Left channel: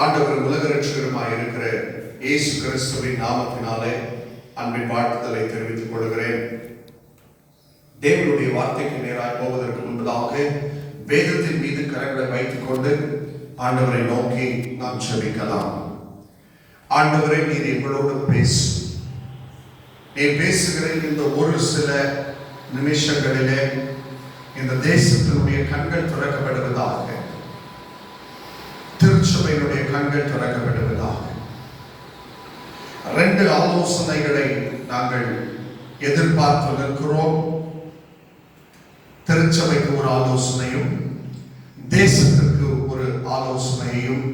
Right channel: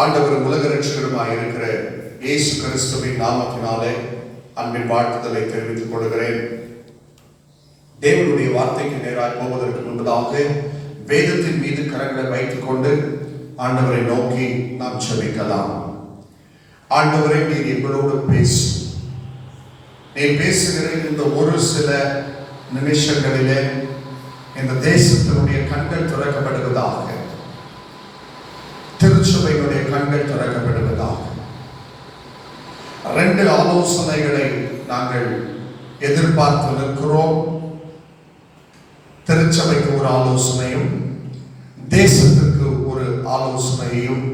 ஆண்டவர் உலக ரட்சகருமாய் இருக்கிற இயேசு கிறிஸ்துவின் நாமத்தினாலே அன்பின் வாழ்த்துதலை தெரிவித்துக் கொள்கிறேன். தேவனுடைய வார்த்தைக்கு நேராக போவதற்கு முன்பதாக வேதத்தின் மீது கரங்களை வைத்துக் கொண்டு ஆண்டவரை நோக்கி நாம் ஜெபிக்கலாம். ஆண்டவரை, நீர் எங்களோடு பேசு. நீர் பேசுகிற இந்த ஒரு சில நிமிஷங்களிலே இந்த தேசத்தினுடைய கண்கள் திறக்கப்படுவதாக, திருச்சபையினுடைய கண்கள் திறக்கப்படுவதாக. 2 ஆலோசனைகளை நாங்கள் எதிர்பார்த்து நிற்கிறோம். திருச்சபைக்கு ஒரு ஆலோசனையும் தேசத்திற்கு ஒரு ஆலோசனையும்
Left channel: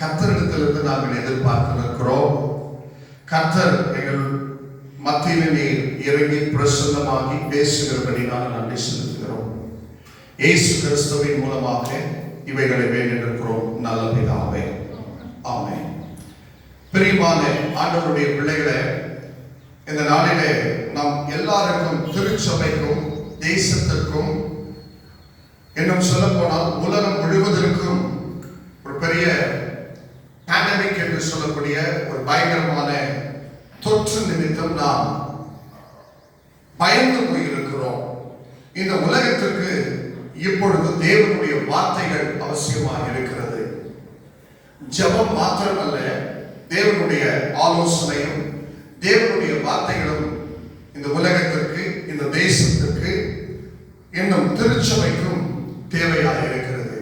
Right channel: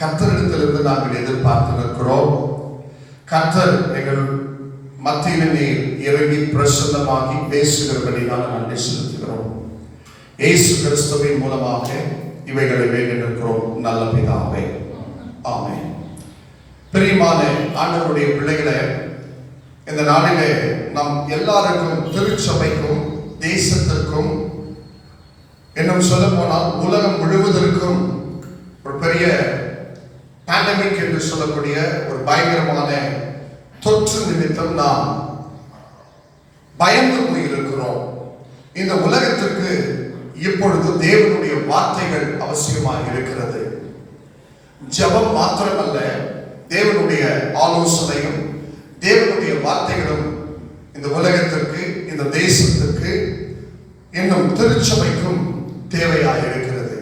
கர்த்தரிடத்திலிருந்து நாங்கள் எதிர்பார்த்து நிற்கிறோம். கர்த்தர் எங்கள் மத்தியிலே நீர் இறங்கி பிரசன்னமாகி பேசுகிறபடி நான் நன்றி செலுத்துகிறோம். இயேசு கிறிஸ்துவின் மூலமாக இவைகளை வேண்டி நிற்கிறோம் நல்ல பிதாவே, ஆமென். பிரியமான ஆண்டவருடைய பிள்ளைகளே, இந்த நாளிலே நாம் எல்லாருக்கும், திருச்சபைக்கும் தேசத்திற்கும், இன்னும் சொல்ல போனால் உலகம் முழுவதற்கும் ஒரு பெரிய பேண்டமிக் என்று சொல்லக்கூடிய ஒரு பயங்கரமான தொற்று நிமித்தம் நாம் பயந்து போயிருக்கிறோம். இந்த உலகத்திற்கு இப்பொழுது தேவனுடைய வார்த்தைகள் அவசியமாக இருக்கிறது. ஜெபம் மாத்திரமல்ல, தேவனுடைய ஆலோசனையும் தேவனுடைய வார்த்தைகளும் இந்த உலகத்திற்கு, இந்த தேசத்திற்கு, இன்னும் திருச்சபைக்கும் தேவையாக இருக்கிறது.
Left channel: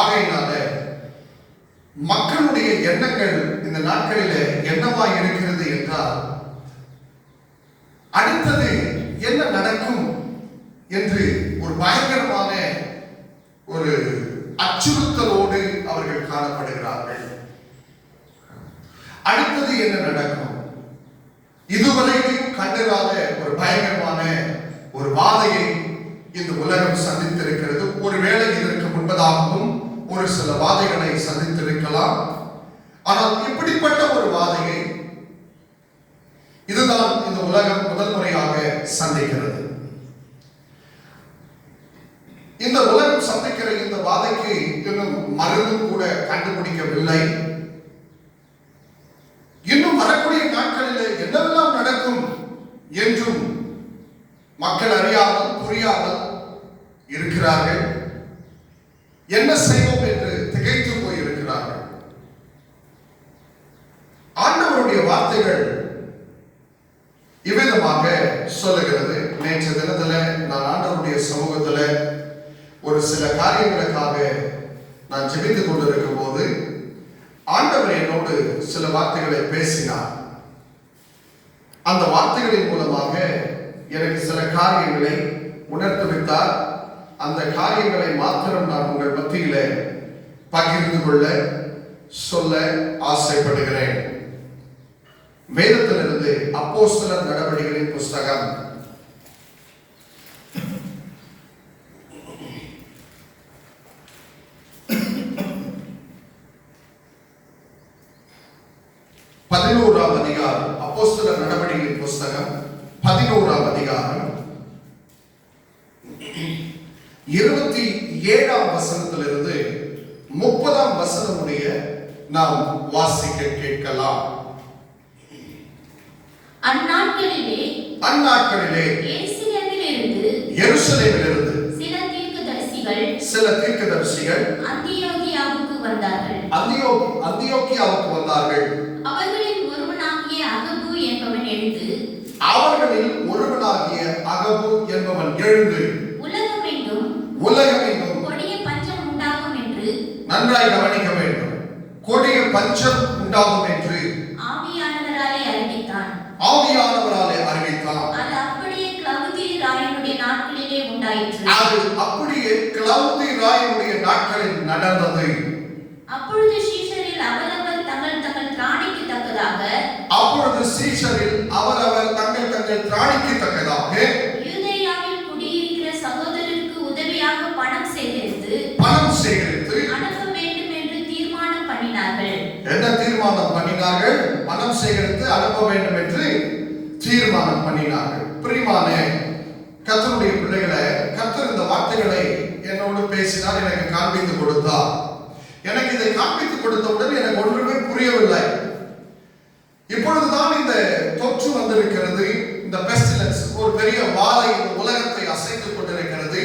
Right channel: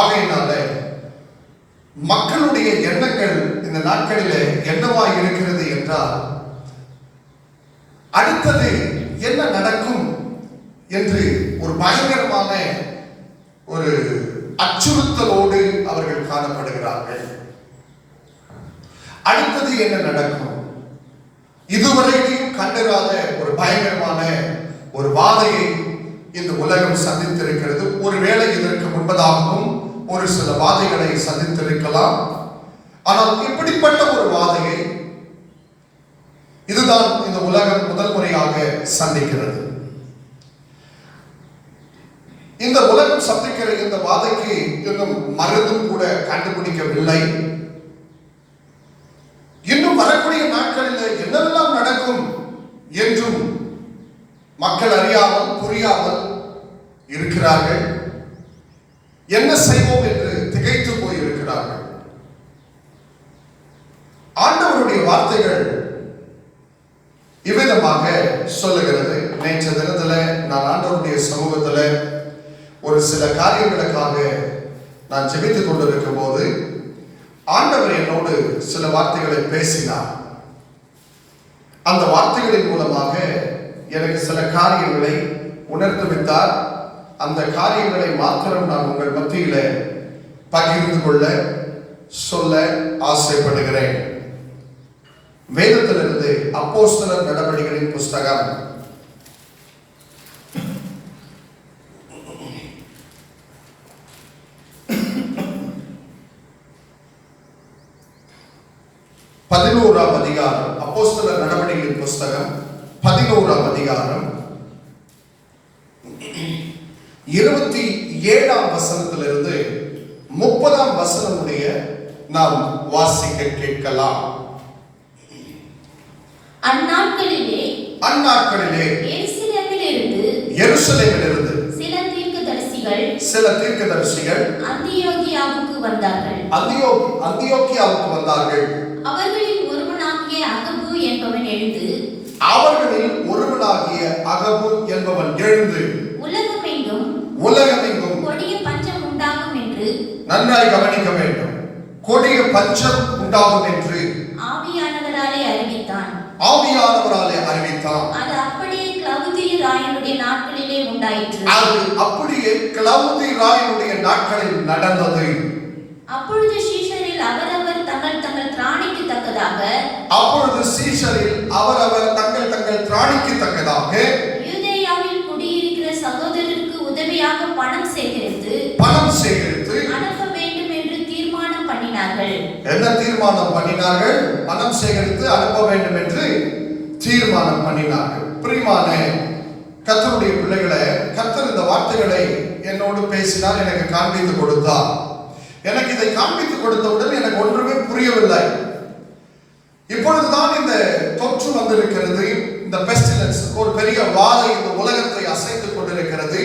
ஆகையினால மக்களுடைய எண்ணங்கள் இந்த நாட்களிலே என்னவாக இருக்கிறது என்றால், அடுத்தது என்ன நடக்கும் என்று ஒரு பயங்கரமான ஒரு அச்சுறுத்தலோடு அவர்கள் காணப்படுகிறார்கள். அடுத்தது என்ன நடக்கும்? இதுவரைக்கும் கண்டிராத ஒரு பயங்கரமான ஒரு வாதையை இந்த உலகம் சந்தித்திருக்கிறது. ஒருவேளை இதற்கு முன்பதாகவும் ஒரு சில வாதைகளை சந்தித்திருக்கலாம். ஆனால் இப்படிப்பட்ட ஒரு வாதையை இதுதான் இந்த உலகம் முதல் முறையாக சந்திக்கிறது. இந்த உலகம் சந்திக்கிற இந்த வாதைக்கு இன்னும் மருந்தும் கூட கண்டுபிடிக்கவில்லை. இன்னும் வரக்கூடிய நாட்களில் என்னெல்லாம் நடக்கும் என்றும் மக்கள் அறியாமல், புரியாமல் இருக்கிறார்கள். என்ன செய்வோம் என்று திகைத்து போயிருக்கிறார்கள். ஆண்டவருடைய வார்த்தைகள் இவ்விதமாக சொல்லுகிறது. நேற்று தினத்தில் நான் ஆண்டவருடைய சமூகத்தில் ஒரு சில காரியங்களுக்காக நான் ஜெபித்துக் கொண்டிருக்கும் போது ஆண்டவர் என்னோடு சில வார்த்தைகளை பேசினார். அந்த வார்த்தைகளின் மூலமாக எனக்கு சில காரியங்களை உணர்ந்து வைத்தார். அந்த காரியங்களை மாத்திரம் நான் உங்கள் மத்தியில பகிர்ந்து கொள்ள, சொல்ல ஆசைப்படுகிறேன். வேதத்திலிருந்து அப்போஸ்தலர் நடவடிக்கைகளின் புஸ்தகம் 11ஆம் அதிகாரம். அப்போஸ்தலர் நடவடிக்கைகளின் புஸ்தகம் 11ஆம் அதிகாரம் 27ஆம் வசனத்திலிருந்து 30ஆம் வசனம் முடிய நாம் வாசிக்க கேட்கலாம். அந்நாட்களிலே எருசலேமிலிருந்து சில தீர்க்கதரிசிகள் அந்தியோகியாவுக்கு வந்தார்கள். அவர்களில் ஒருவனாகிய அகபு என்பவன் எழுந்து உலகமெங்கும் கொடிய பஞ்சம் உண்டாகும் என்று, நன்றாய் கவனிக்க வேண்டும், கொடிய பஞ்சம் உண்டாகும் என்று ஆவியானவராலே அறிவித்தான். அது அப்படியே கிளவுதிய ராயனுடைய நாட்களிலே உண்டாயிற்று. அது அப்படியே கிளவுதி ராயனுடைய நாட்களில் நடந்தது. அப்பொழுது சீஷரில் அவரவர் தங்கள் திராணிக்கு தக்கதாக யூதேயாவில் குடியிருக்கிற சகோதரருக்கு உதவியாக பணம் சேகரித்து அனுப்ப வேண்டும் என்று தீர்மானம் பண்ணினார்கள். என்ன தீர்மானம் பண்ணினார்கள்? பணம் சேகரித்து அனுப்ப வேண்டும் என்று தீர்மானம் பண்ணினார்கள். பிரியமான கர்த்தருடைய பிள்ளைகளே, கர்த்தர் இந்த வார்த்தைகளை என்னோடு பேசினார், எனக்கு காண்பித்து கொடுத்தார். எனக்கு இதை காண்பித்துக் கொடுத்தவுடன் எனக்கு ஒன்றுமே புரியவில்லை. இப்பொழுதுதான் இந்த தொற்று வந்திருக்கிறது. இந்த பெஸ்டிலன்ஸ் ஒரு பெரிய வாதை இந்த உலகத்தை அசைத்துக் கொண்டிருக்கிறது.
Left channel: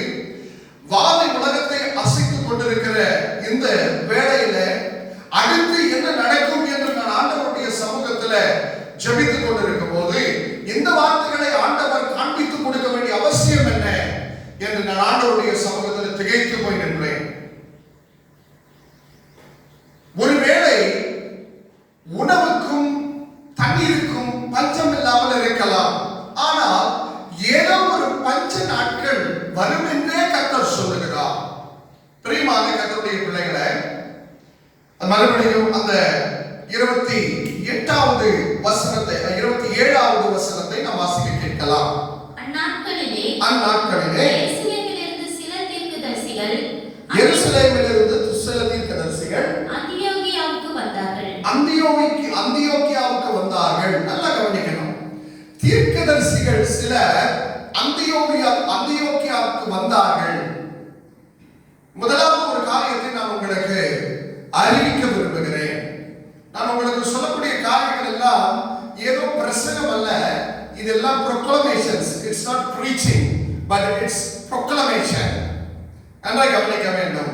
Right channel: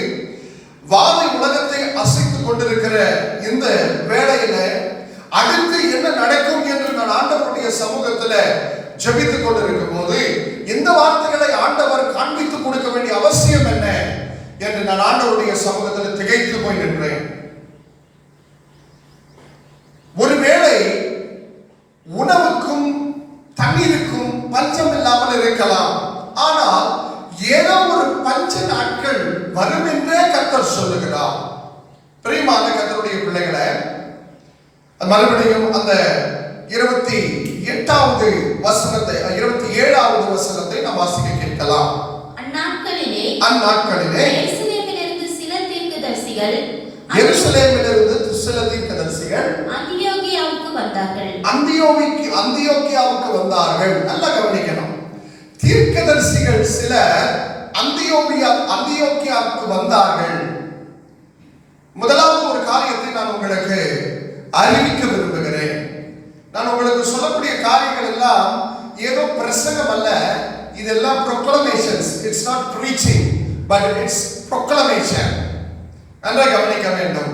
வாதை உலகத்தை அசைத்துக் கொண்டிருக்கிற இந்த வேளையில அடுத்து என்ன நடக்கும் என்று நான் ஆண்டவருடைய சமூகத்தில் ஜெபித்துக் கொண்டிருக்கும் போது இந்த வார்த்தைகளை ஆண்டவர் காண்பித்துக் கொடுக்க வேண்டிய அவசியம் என்ன என்று நான் ஆண்டவருடைய சமூகத்தில் திகைத்து போய் நின்றேன். ஒருவேளை உணவுக்கும் தண்ணீருக்கும் பஞ்சம் இல்லாமல் இருக்கலாம். ஆனால் ஏதோ ஒரு பஞ்ச நாட்கள் வரும் என்றே கர்த்தர் சொல்லுகிறார். பிரியமான கர்த்தருடைய பிள்ளைகளை, மறுபடியும் அந்த 28வது வசனத்தை 27வது வசனத்தை நாம் வாசிக்க கேட்கலாம். அந்நாட்களிலே எருசலேமிலிருந்து சில தீர்க்கதரிசிகள் அந்தியோகியாவுக்கு வந்தார்கள். நல்லா கவனிக்கணும். தீர்க்கதரிசிகள் சில அந்தியோகியாவுக்கு வந்தார்கள். முதலாவது ஒரு காரியத்தை நான் உங்களுக்கு அறிவிக்க விரும்புகிறேன். நான் உங்களுக்கு சொல்லக்கூடிய காரியங்கள் எல்லாம் ஏதோ பிரசங்கம் அல்ல. இதெல்லாம் proclamations. It's not preaching, but it's proclamation. நன்றாக கவனிக்க வேண்டும்.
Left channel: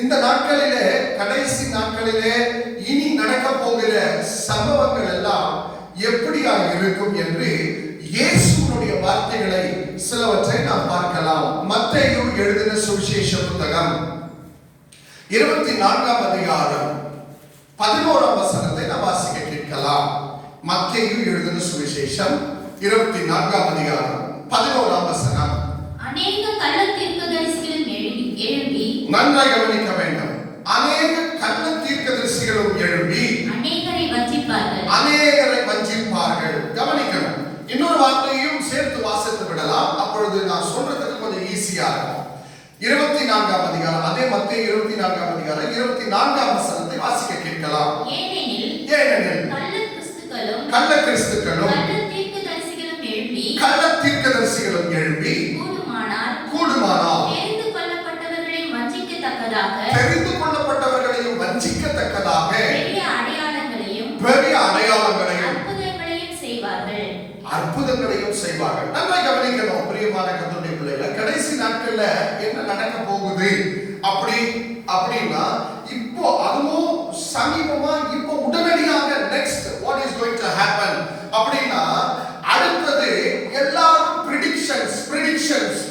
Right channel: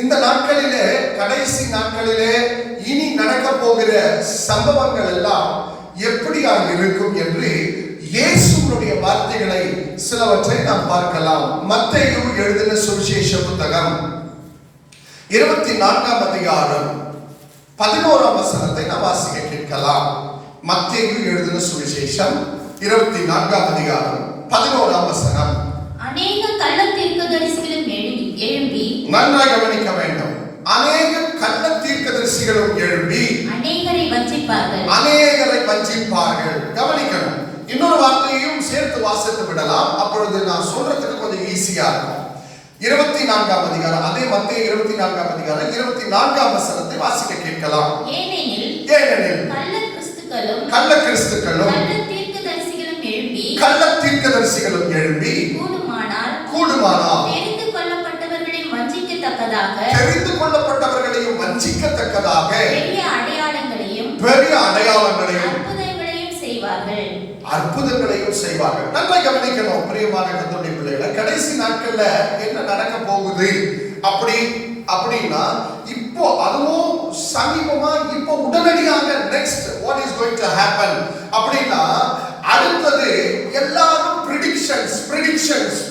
இந்த நாட்களிலே, கடைசி நாட்களிலே இனி நடக்க போகிற சம்பவங்கள் எல்லாம் எப்படியாக இருக்கும் என்று இயேசுவினுடைய வார்த்தைகளை சிலவற்றை நாம் பார்க்கலாம். மத்தேயு எழுதின சுவிசேஷ புத்தகம் 24ஆம் அதிகாரம் 11ஆம் வசனத்தை நாம் வாசிக்க கேட்கலாம். மத்தேயு எழுதின சுவிசேஷம் 24ஆம் அதிகாரம் 11ஆம் வசனம். அநேக கள்ள தீர்க்கதரிசிகளும் எழும்பி, நன்றாக கவனிக்க வேண்டும். அநேக கள்ள தீர்க்கதரிசிகளும் எழும்பி அநேகரை வஞ்சிப்பார்கள். கவனிக்கணும். இன்னொரு வார்த்தையும் சேர்த்து வாசித்து விடலாம். அப்பொழுது நான் சொல்றதுக்கு கொஞ்சம் ஈஸியா இருக்கும். 24ஆம் அதிகாரம், அதே மத்தேயு 24ஆம் அதிகாரம் 24ஆம் வசனத்தை வாசிக்க கேட்கலாம். ஏனெனில் கள்ள கிறிஸ்துக்களும் கள்ள தீர்க்கதரிசிகளும் எழும்பி கூடுமானால் தெரிந்து கொள்ளப்பட்டவர்களையும் வஞ்சிக்கத்தக்கதாக பெரிய அடையாளங்களையும் அற்புதங்களையும் செய்வார்கள். நல்லா கவனிக்கணும். பிரியமான கர்த்தருடைய பிள்ளைகள், கடைசி நாட்கள்ல என்ன நடக்க போகுது அப்படின்னா, இப்போ அதுவும் சமீபமா, இப்போ உடனடியாக next what is going to happen அப்படின்னா, அடுத்தது எல்லாரும்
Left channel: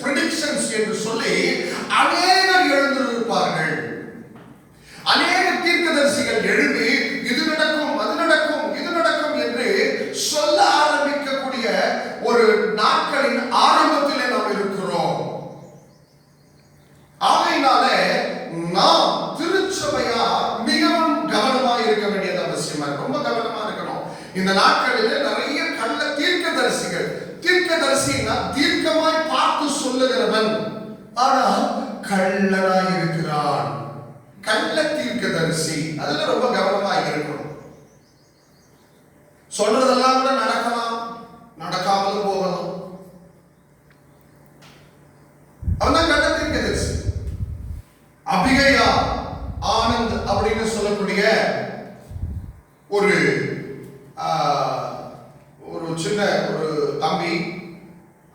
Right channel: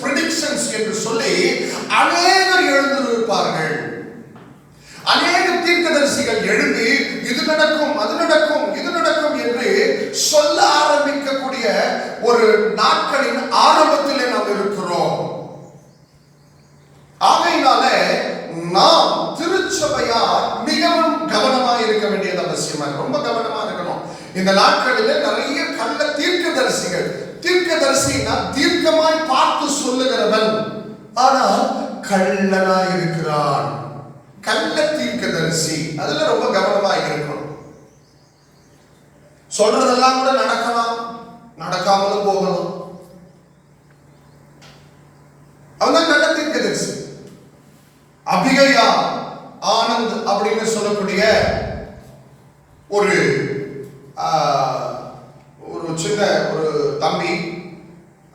பிரெடிக்ஷன்ஸ் என்று சொல்லி அநேகர் எழுந்திருப்பார்கள். அநேக தீர்க்கதரிசிகள் எழுதி இது நடக்கும், அது நடக்கும், இது நடக்கும் என்று சொல்ல ஆரம்பிக்கக்கூடிய ஒரு நாட்களின் ஆரம்பத்திலே நாம் இருக்கிறோம். ஆகையினாலே நாம் திருச்சபையா மிகவும் கவனமாக இருக்க வேண்டியது அவசியமா, ரொம்ப கவனமா இருக்கணும். இந்த நாட்களிலே நிறைய கள்ள தீர்க்கதரிசினா தீர்க்கமாய் பார்த்து சொல்லுகிறவன், ஆனால் கள்ளனாய் இருக்கிறான். கள்ள தீர்க்கதரிசி, அதுல ரொம்ப கவனமா இருக்கணும். சொல்றதெல்லாம் கூட நடக்கலாம், நடக்காமலும் போகலாம். அவன் கள்ள தீர்க்கதரிசி. அபிகையா ஆனந்த் அப்படின்னு சொல்லக்கூடிய ஒரு சின்ன ஒரு தம்பி,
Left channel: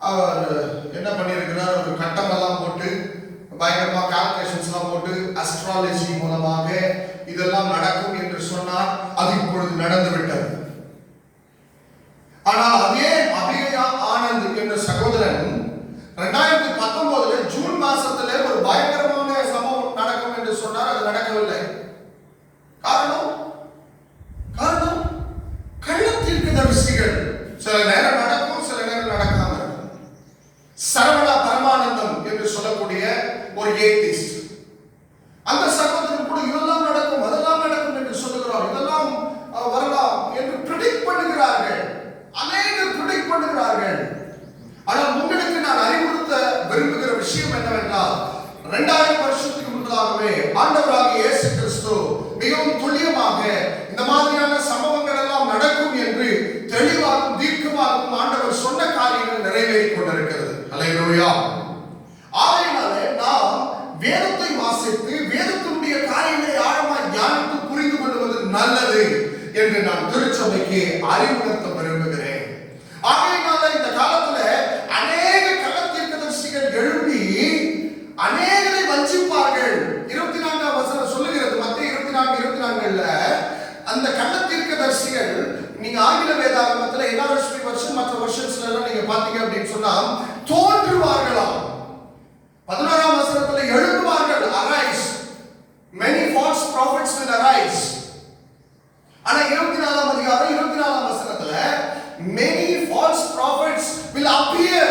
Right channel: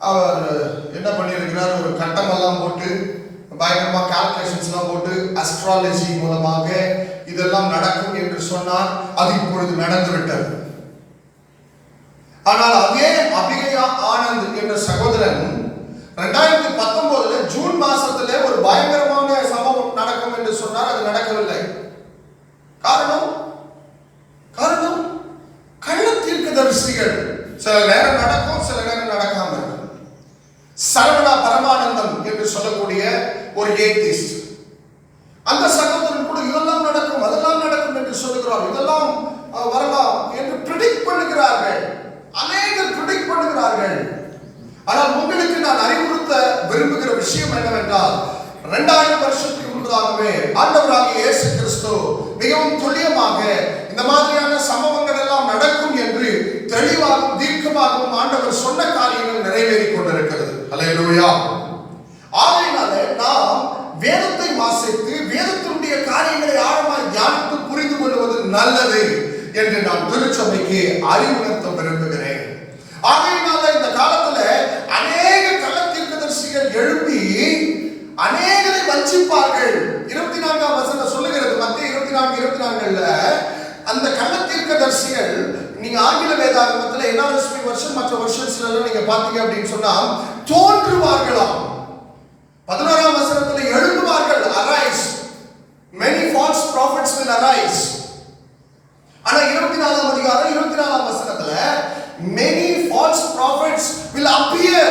அவர் என்ன பண்ணியிருக்கிறார், ஒரு கட்டமெல்லாம் போட்டு பயங்கரமா கால்குலேஷன்ஸ்லாம் போட்டு அஸ்ட்ராலஜி மூலமாக இதெல்லாம் நடக்கும் என்று சொன்னார். அது இப்பொழுது நடந்துவிட்டது. ஆனால் அதே அபிகையா ஆனந்த் என்ற சகோதரன் 2019 ஜூன் மாசத்திலே ஒரு பயங்கரமான சம்பவம் நடக்கும் என்று சொன்னார். அது நடக்கவில்லை. காரணம் கள்ள தீர்க்கதரிசிகள். சில நேரம் நடக்கும், சில நேரம் நடக்காம இருக்கும். சரவணா பரமானந்தம் என்று சொல்லக்கூடிய ஒரு ஏத்திஸ்ட், அந்த சகோதரன் கூட இதெல்லாம் நடக்கும், அதெல்லாம் நடக்கும் என்று சொல்லுகிறார். இதெல்லாம் வரலாம் என்று பிரெடிக்ட் பண்ணுகிறார்கள். அநேகர் பிரெடிக்ட் பண்ணுகிறார்கள். ஆனால் உங்களுக்கு நான் அறிவுறுத்த விரும்புகிற விஷயம் என்னவென்றால், 2000 வருஷத்துக்கு முன்பதாகவே ஆண்டவராகிய இயேசு கிறிஸ்து மிகவும் துல்லியமாக இந்த மாதிரியான சம்பவங்கள் எல்லாம் நடக்கும் என்று தெளிவாகவும் தீர்க்கமாகவும் ஆண்டவர் சொன்ன காரியங்கள் நிறைவேறிக் கொண்டிருக்கிறது. அல்லேலூயா. ஆகையினாலே நாம் வேதத்தை வாசித்து வேதத்தினுடைய காரியங்களை ஆழமாக நல்லது என்று நான் திருச்சபைக்கு அறிவுறுத்த விரும்புகிறேன். ஆகையினால இந்த காலத்துல அநேக கள்ள தீர்க்கதரிசிகள் எழும்பி அநேகரை வஞ்சிப்பார்கள். 24ஆம் வசனம் சொல்லுகிறது, மத்திய 24:24ல அந்த கள்ள தீர்க்கதரிசிகள், நீங்க ஆங்கில வேதாகமத்துல NRSV வருஷம் மற்ற வருஷன்ஸ்ல எல்லாம் நீங்க பாத்தீங்க அப்படின்னு சொன்னா தோன்றுவார்களாம். 11ஆம் வசனத்துல எழும்புவார்கள், arise, many false prophets will arise. ஆனா 24ஆம் அதிகாரம் 24ஆம் வசனத்துல many false prophets will appear.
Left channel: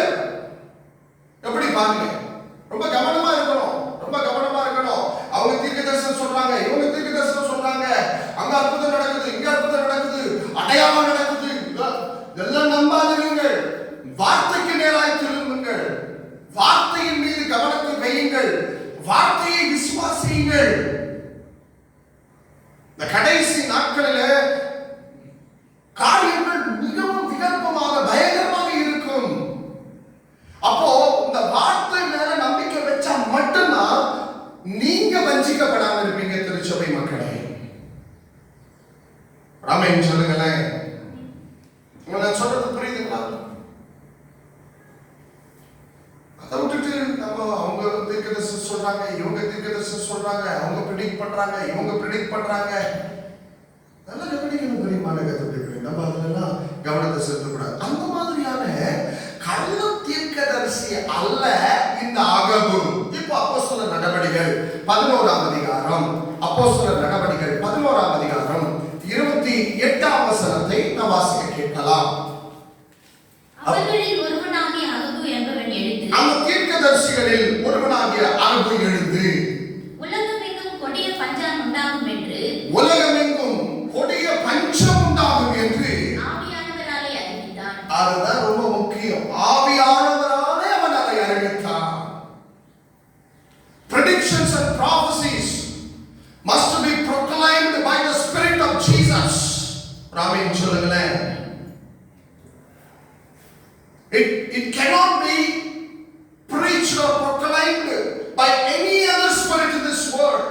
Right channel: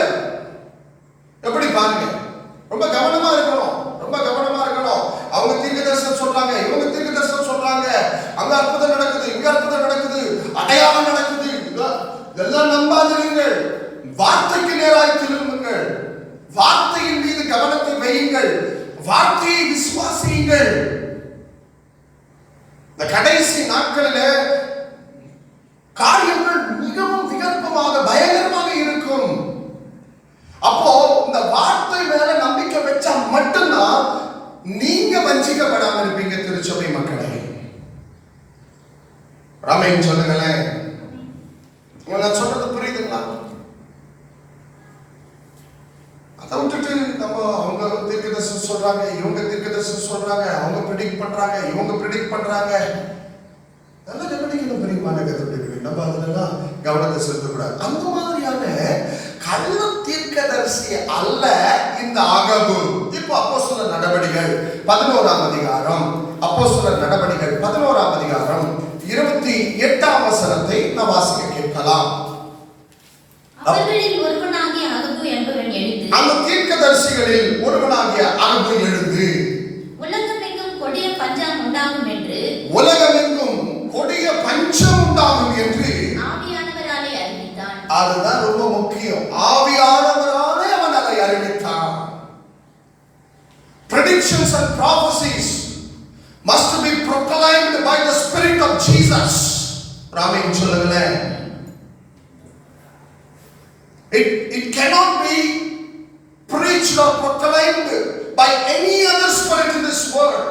எப்படி பாருங்க, ரொம்ப கவனமா இருக்கணும், ரொம்ப கவனமா இருக்கணும். அவங்க தீர்க்கதரிசனம் சொல்றாங்க, இவங்க தீர்க்கதரிசனம் சொல்றாங்க, அங்க அற்புதம் நடக்குது, இங்க அற்புதம் நடக்குது, அடையாளம் நடக்குது, இதெல்லாம் நம்பாதீர்கள். வார்த்தைக்கு நேராய் திரும்புங்கள், வார்த்தையின் மீது கவனத்தை வையுங்கள், வார்த்தையை விசுவாசியுங்கள். இந்த கடைசி நாட்களிலே காரியங்கள் மிகவும் விகற்பமாக பயங்கரமாக இருக்கும். அப்போ இந்த வார்த்தை மேல நம்பிக்கை வச்சா மட்டும்தான் நீங்க வஞ்சிக்கப்படாம இருப்பீங்க. திருச்சபை மக்களை ராமேன் சொல்லுங்களேன், நான் சொல்றது புரியுதுங்களா? அதை விட்டுட்டு நம்ம அவங்க தீர்க்கதரிசனம் சொல்றாங்க, இவங்க தீர்க்கதரிசனம் சொல்றாங்க, அவங்க ப்ரெடிக்ட் பண்றாங்க, இவங்க ப்ரெடிக்ட் பண்றாங்க, நல்லா கவனிக்கணும் பெரியமான கருத்துக்களை. நம்ம அதெல்லாம் கவனத்தை செலுத்தக்கூடாது. அந்த மாதிரியான கள்ள தீர்க்கதரிசி அல்ல இந்த ஆகபு. இப்போ அப்போஸ்தலர் நடவடிக்கைகள் 11ஆம் அதிகாரம், அப்போஸ்தலர் நடவடிக்கைகள் 11ஆம் அதிகாரம் 28ஆம் வசனத்தை நாம் வாசிக்க கேட்கலாம். அவர்களில் ஒருவனாகிய அகபு என்பவன் எழுந்து, அந்த தீர்க்கதரிசிகளில் ஒருவனாகிய அகபு எழுந்து, உலகமெங்கும் கொடிய பஞ்சம் உண்டாகும் என்று, உலகமெங்கும் கொடிய பஞ்சம் உண்டாகும் என்று ஆவியானவராலே அறிவித்தான். அதுதான் ரொம்ப முக்கியம். ஆவியானவராலே அவன் அதை அறிவித்தான். Predictions and prophecies must be proclaimed by the Spirit of Jesus. Ramen சொல்லுங்களேன், it cannot be preached or proclaimed by any other spirit in this world,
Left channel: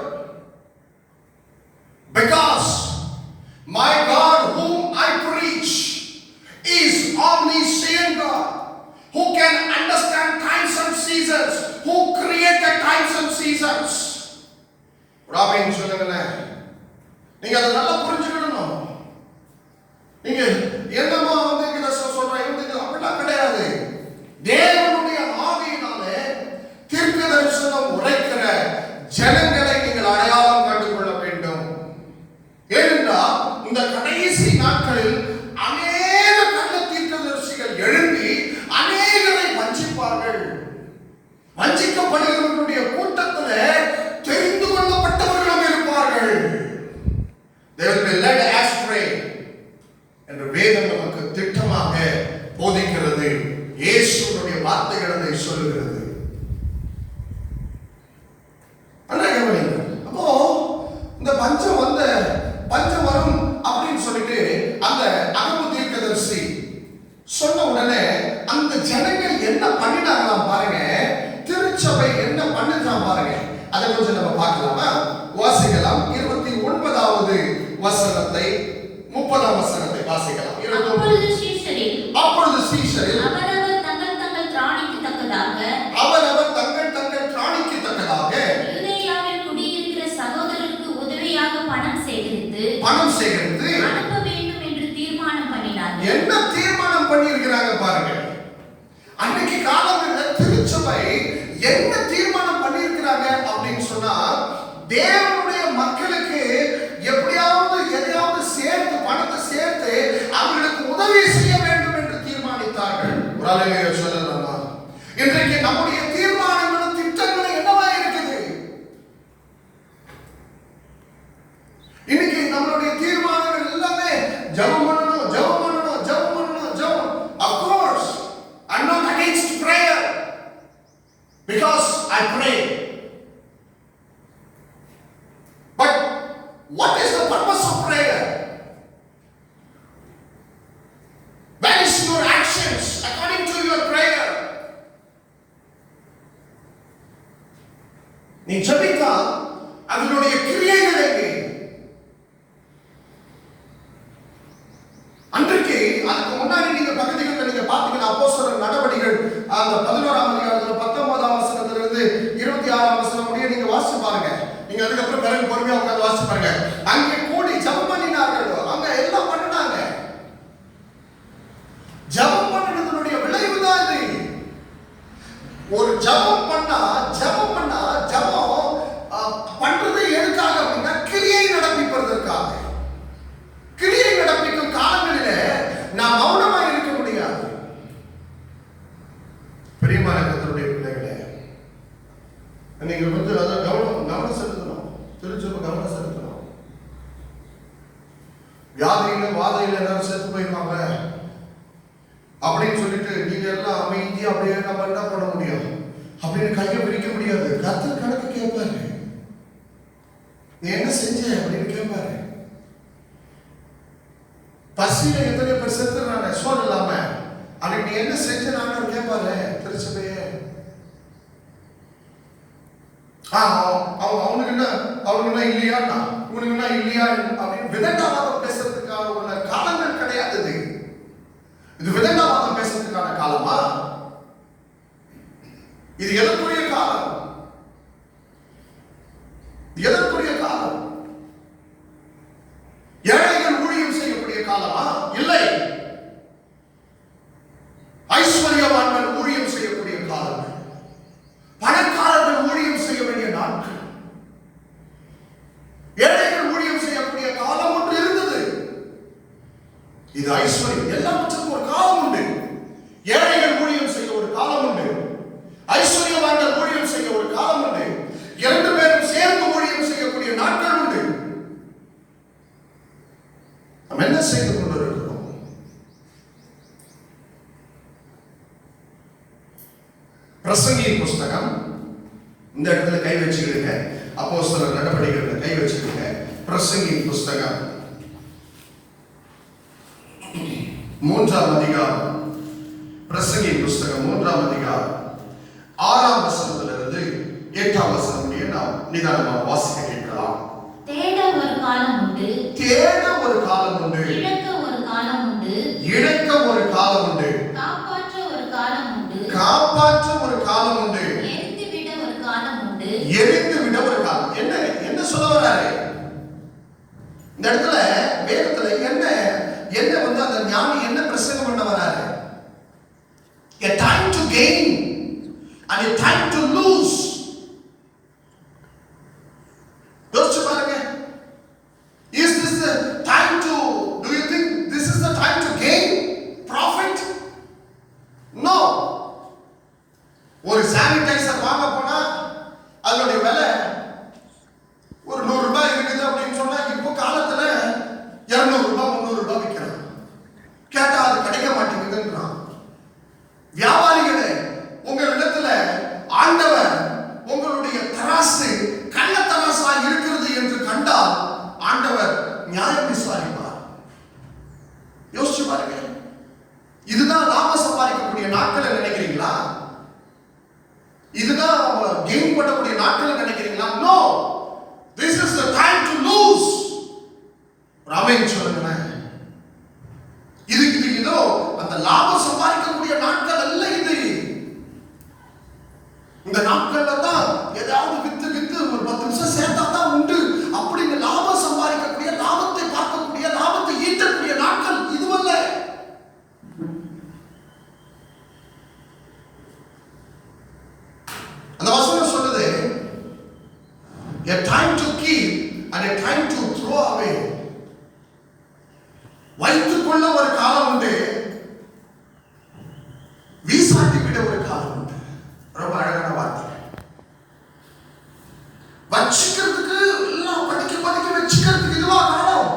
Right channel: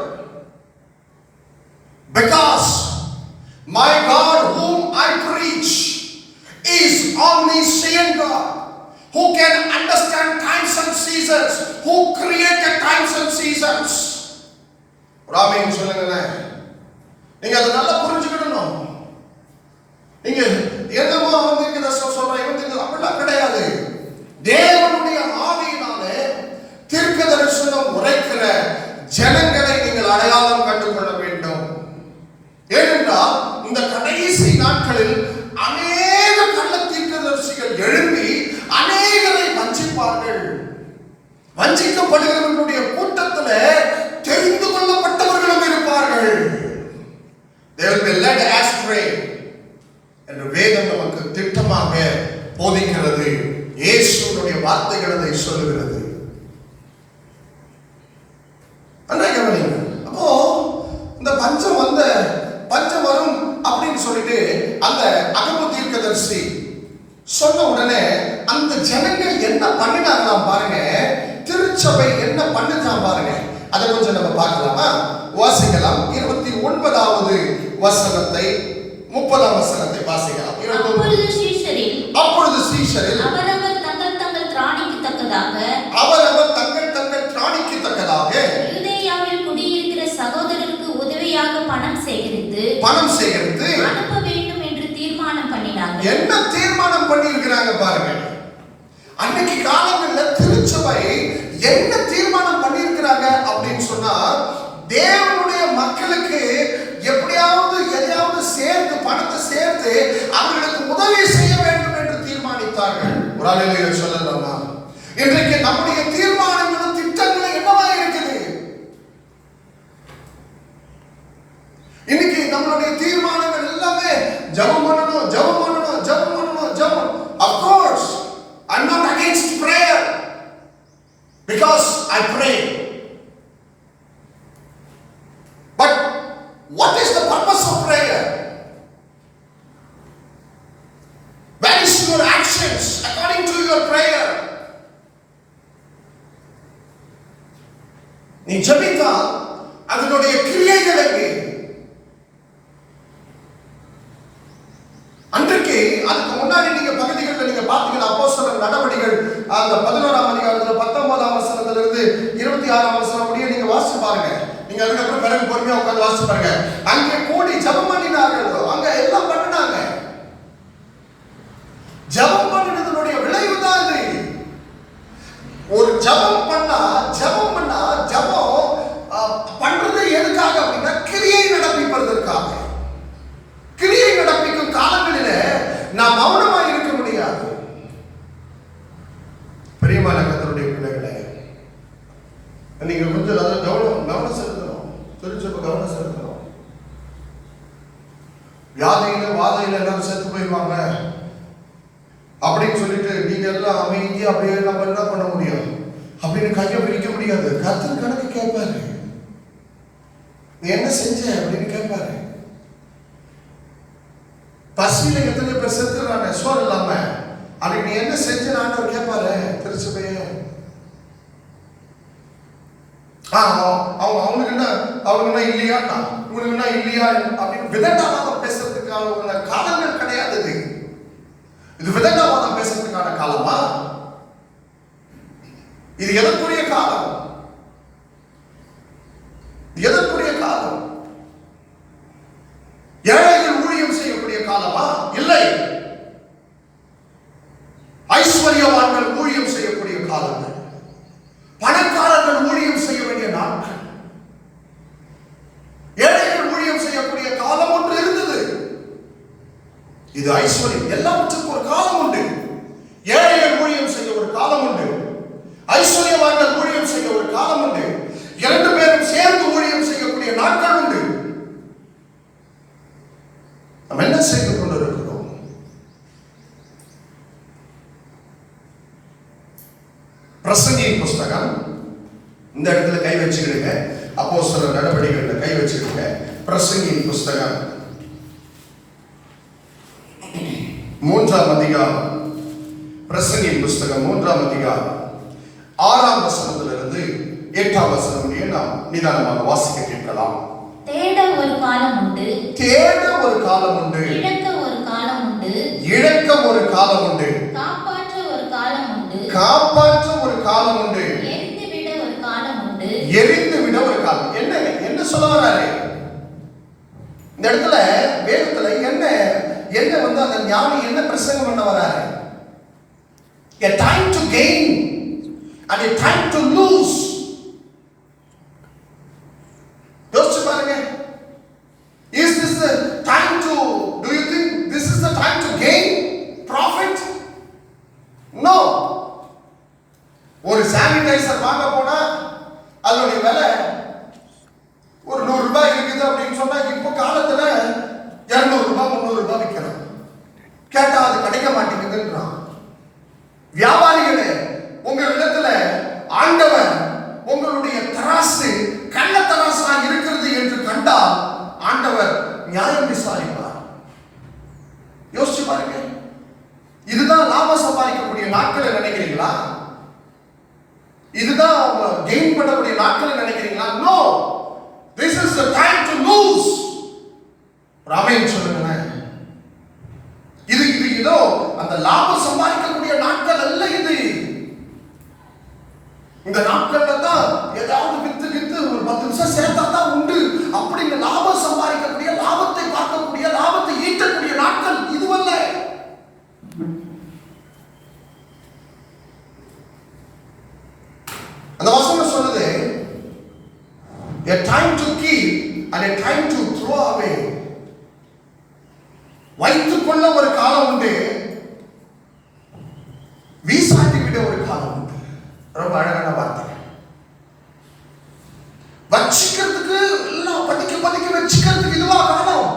because my God whom I preach is omniscient God, who can understand times and seasons, who created times and seasons. Ramen சொல்லுங்களேன், நீங்க அதை நல்லா புரிஞ்சுக்கணும். நீங்க என்னமா சொல்றேன் அப்படிலாம் கிடையாது. தேவனுடைய ஆவியினாலே தீர்க்க தரிசனம் உரைக்கிற ஜனங்களை நீங்கள் அடையாளம் கண்டுகொள்ள வேண்டும். ஏனென்றால் இந்த கடைசி நாட்களில் அநேக கள்ள தீர்க்கதரிசிகள் எழும்பி அநேகரை வஞ்சிப்பார்கள். வஞ்சிக்கப்படுகிறவர்களுடைய கூட்டத்தில் தெரிந்து கொள்ளப்பட்டவர்களும் இருப்பார்கள். They will be led astray என்று வேதம் நமக்கு திட்டமாக போதிக்கிறது. இயேசுவுடைய வார்த்தைகள் அதை சொல்லுகிறது. அப்போ இந்த பஞ்சம் வரும் அப்படின்னு சொல்லிட்டு அந்த அகபு தீர்க்கதரிசி சொன்ன உடனே அந்த ஜனங்கள் என்ன பண்ணிட்டாங்களாம் பாருங்க, திருச்சபை என்ன பண்ணுதான் பாருங்க. அதை கொஞ்சம் நம்ம பார்க்கலாமா? வாசிக்கலாம். 29வது வசனத்தை 30ஆம் வசனத்தை வாசிக்கலாம். அப்பொழுது சீஷரில் அவரவர் தங்கள் திராணிக்கு தக்கதாக யூதேயாவில் குடியிருக்கிற சகோதரருக்கு உதவியாக பணம் சேகரித்து அனுப்ப வேண்டும் என்று தீர்மானம் பண்ணினார்கள். என்ன தீர்மானம் பண்ணியிருக்கிறாங்க பாருங்க. அன்னைக்கு காலங்களில் திருச்சபை என்ன தீர்மானம் பண்ணியிருக்கிறாங்க அப்படின்னு சொன்னா, தேவனுடைய மக்களுக்கு எப்படியாவது எதையாவது சேர்த்து பணத்தை சேர்த்து அவர்களுக்கு உதவி செய்ய வேண்டும் என்று தீர்மானித்தார்கள். ஒரு ஆளுநரை சொல்லலாமா? இன்றைக்கு நம்முடைய தீர்மானங்களும் திட்டங்களும் என்னவா இருக்குது? இன்னைக்கு நம்மளுடைய தீர்மானங்கள் எல்லாமே ஜெபம் பண்ணணும். Of course, I'm not against prayer because I pray. But what is the purpose of prayer? Where is your actions according to your prayer? நீ ஜெபித்தா அதனுடைய கிரியைகள் எங்கே? அதுக்கப்புறம் பிறகு பொறுமையா உட்கார்ந்து வாசிச்சு பாருங்க. அங்கே கூடி ஜெபம் பண்ணினார்கள். அங்க எல்லாம் பண்ணாங்க. ஜெபம் பண்ணினதுடைய விளைவு தான் இது. ஒரு ஜெபம் பண்ணா ஜெபம் பண்றது எதுக்காக அப்படின்னா கிரியை நடப்பிப்பதற்காக. கிரியை நடப்பிக்கும் காலங்களிலே நாம் மௌனமா இருக்க முடியாது. பிரியமான கர்த்தருடைய பிள்ளைகளே, நீங்க கொஞ்சம் கவனம் செலுத்தணும். திருச்சபை கவனம் செலுத்தணும். வியாதியில வாதையில எல்லாரும் செத்து போயிடுவாங்க அப்படின்னு சொல்லிட்டு நீங்க எல்லாம் அமைதியா அப்படியே நம்ம என்ன பண்ண முடியும் அப்படின்னு கையை பிடிக்க முடியாது. கர்த்தர் கணக்கு கேட்பாரு. நீ என்ன செஞ்ச அப்படின்னு கேட்பாரு. பசியில எத்தனை பேர் செத்துறாங்க சோறு இல்லாம, அன்னைக்கு நீ என்ன செஞ்ச ஆண்டவர் கேட்பாரு. திருச்சபையே அவனுக்கு என்ன இல்லையா, உனக்கு என்ன இல்லையா அப்படின்னு விதண்டாவாதம் பேசுறதுக்கான ஒரு காலங்கள் கிடையாது. இது விதண்டாவாதம் பேசுறதுக்கான காலமா? இது எதற்குரிய காலம்? எதற்குரிய காலம்? ஏழைகள் ஊழியம் செய்யக்கூடிய காலமா? இல்லை. ஐஸ்வர்யவான்கள் ஊழியம் செய்யக்கூடிய காலம். பணக்காரர்கள் ஊழியம் செய்ய வேண்டிய நாட்கள். ஏழைகள் ஊழியம் செய்யக்கூடிய காலம் ஒன்று இருந்தது. இது ஐஸ்வர்யம். எல்லாத்துக்கும் ஒரு காலம் உண்டு. ஏழைகள் ஊழியம் செய்ய ஒரு காலம் உண்டு. ஐஸ்வர்யவான்கள் ஊழியம் செய்ய ஒரு காலம் உண்டு. இரண்டு பேரும் சேர்ந்து ஊழியம் செய்யக்கூடிய நாட்கள் உண்டு. நாம் என்ன செய்து கொண்டிருக்கிறோம்? பிரசங்கியின் புஸ்தகம், இந்த இடத்துல கை வச்சுக்கிடுங்க. அப்போஸ்தலர் நடவடிக்கைகளில் கை வச்சுக்கிடுங்க. பிரசங்கியின் புஸ்தகம் 3ஆம் அதிகாரம். பிரசங்கியின் புஸ்தகம் 3ஆம் அதிகாரம் 6ஆம் வசனத்திலிருந்து 8ஆம் வசனம் முடிய நாம் நிதானமாக வாசிக்க கேட்கலாம். தேட ஒரு காலம் உண்டு, தேட ஒரு காலம் உண்டு, இழக்க ஒரு காலம் உண்டு, இழக்க ஒரு காலம் உண்டு, காப்பாற்ற ஒரு காலம் உண்டு, காப்பாற்ற ஒரு காலம் உண்டு, எரிந்து விட ஒரு காலம் உண்டு, எரிந்து விட ஒரு காலம். என்ன சொல்ல வராரு இந்த இடத்துல? வேதத்துல என்ன வந்து அந்த ஞானி என்ன பிரசங்கம் பண்ண வராரு? A time to gain and a time to lose. யோசிச்சு பாருங்க. Is this the time to, do you think this is the time to gain profit? No. ஒரு சானிடைசர் வாங்க போனா அதோட விலை ஒரு 100 ரூபாய் இருக்குது அப்படின்னு சொன்னா இப்போ காலத்துல 200 ரூபாய் 300 ரூபாய் விற்கிறான். கேட்டா அது கிடைக்க மாட்டேங்குதுன்றான். வியாபாரிகளே, உங்க இடத்துல ஆண்டவர் உங்களுடைய தராசு கள்ள தராசா இருக்கிறது என்று கண்டால் ஆண்டவர் நியாயம் விசாரிப்பார். யோசிச்சு பாருங்க. இதுதான் லாபம் சம்பாதிக்கக்கூடிய நாட்களை நினைக்கிறீங்களா? இதுதான் கெயின் பண்ணக்கூடிய நாட்களை நினைக்கிறீங்களா? No, this is the time to lose. ராமேன் சொல்லுங்க. இது இதோ அந்த லாபம் சம்பாதிக்கக்கூடிய நாட்கள் அல்ல இது. இந்த நாட்கள்ல தான் ஏதாவது வித்து ஒரு 10 நிமிஷம் சேர்த்தா தான் உண்டு அப்படிங்க லாபம் சம்பாதிக்கக்கூடிய, லாபத்தை பார்க்கக்கூடிய, லாபத்தை ஈட்டக்கூடிய நாட்கள் இதுவல்ல. அந்த வசனம் சொல்லுது, a time to keep and a time to throw away. வைத்துக் கொள்ள ஒரு காலம் உண்டு, வீசாட்டி விட ஒரு காலம் உண்டு. ரொம்ப அழகான வார்த்தை. வச்சிக்கிறதுக்கு எல்லாம் பதுக்கி வச்சுக்கிறதுக்கு இதுவா காலம்.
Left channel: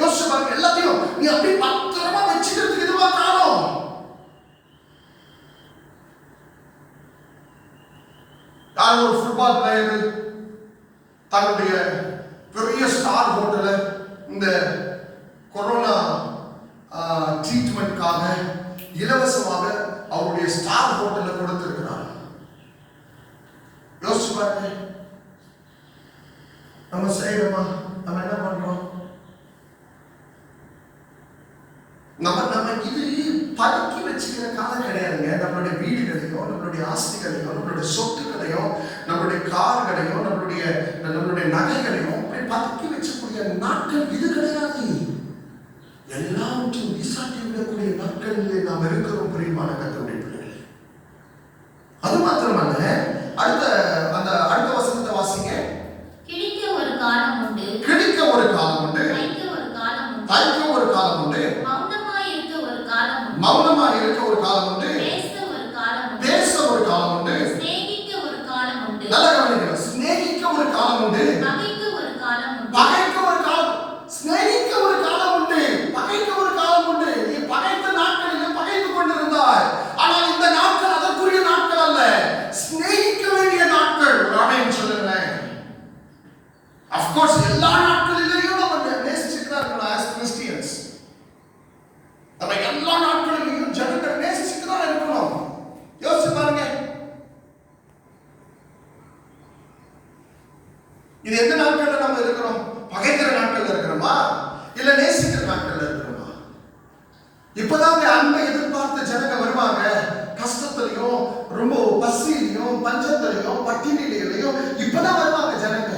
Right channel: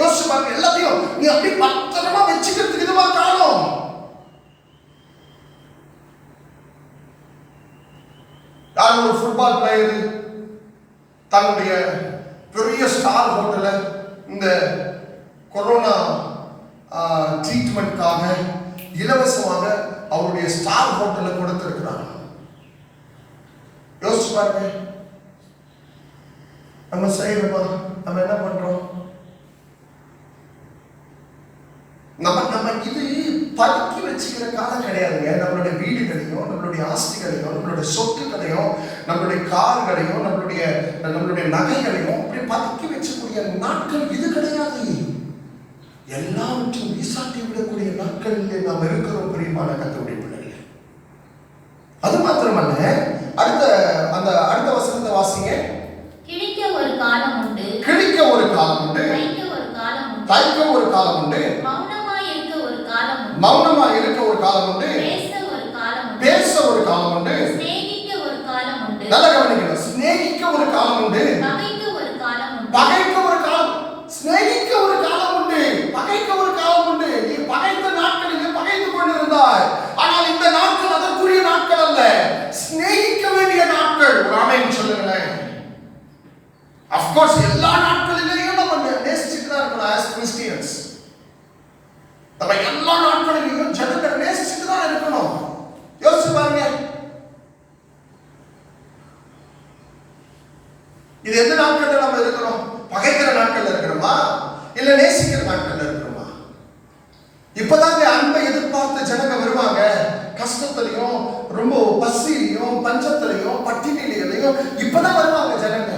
யோசிச்சு பாருங்க. எல்லாத்தையும் நீ அப்படி பத்திரமா வச்சுக்கிறதுக்கு இதுவா காலம். யார் ஒரு ஃபுட்பால் பிளேயர் தன்னுடைய பெரிய ஸ்டார் ஹோட்டல இந்த கொரோனா ட்ரீட்மெண்ட்காக இலவசமாக அவருடைய ஸ்டார் ஹோட்டல கொடுத்திருக்கிறார். யோசிச்சு பாருங்க. நம்ம செய்யணுமா? நம்ம என்ன பண்றோம்? நம்ம இது பதுக்கி வச்சுக்கிற காலம் கிடையாதுங்க. நம்மளுடைய வீடுகளையும், நம்மளுடைய ஆஸ்திகளையும், நம்மளுடைய சொத்துக்களையும் நம்மளுடைய கார்களையும் நம்மளுடைய நகைகளையும் அப்படி பதுக்கி வச்சக்கூடிய நாட்கள் இது கிடையாது. எல்லாவற்றும் வீசாட்டி விடக்கூடிய நாட்களிலே நாம் இருக்கிறோம் பிரியமான கர்த்தருடைய பிள்ளைகளே. அது மாத்திரமல்ல, அடுத்த வசனத்தை வாசிங்க. கிழிக்க ஒரு காலம் உண்டு, கிழிக்க ஒரு காலம் உண்டு, தைக்க ஒரு காலம் உண்டு, மௌனமாய் இருக்க ஒரு காலம் உண்டு, மௌனமாய் இருக்க ஒரு காலம் உண்டு, பேச ஒரு காலம் உண்டு, சிநேகிக்க ஒரு காலம் உண்டு, நல்ல கவனிக்கணும், சிநேகிக்க ஒரு காலம் உண்டு, பகைக்க ஒரு காலம் உண்டு, பகைக்க ஒரு காலம், சிநேகிக்க ஒரு காலம் உண்டு, பகைக்க ஒரு காலம் உண்டு. நீ பகைத்த நாட்களில் பகைத்து கொண்டிருந்தாய். ஆனால் இந்த நாட்கள் அதற்குரிய நாட்கள் அல்ல, சிநேகிக்க வேண்டிய நாட்கள். ஒரு ஆமென் சொல்லுங்களேன். Of course எல்லா நாட்களிலேயும் நம்ம நேசிச்சுக்கிறார்கள் as Christians. நம்ம எல்லா நாட்களிலேயும் ஜனங்களை நேசிச்சுட்டு தான் இருக்கணும். யோசிச்சு பாருங்க, இது எந்த நாட்கள்ல நம்ம இருக்கிறோம்? பகைக்கிற நாட்கள்ல இருக்கிறோமா, இல்ல நேசிக்கிற நாட்கள்ல இருக்கிறோமா? இப்பதாங்க அன்பை எதிர்பார்த்து ஜனங்க வருவாங்க. கஷ்டத்திலையும், ரொம்ப பசியிலையும், பஞ்சத்திலையும், பட்டினிலையும் இப்பதான் வருவாங்க ஜனங்க.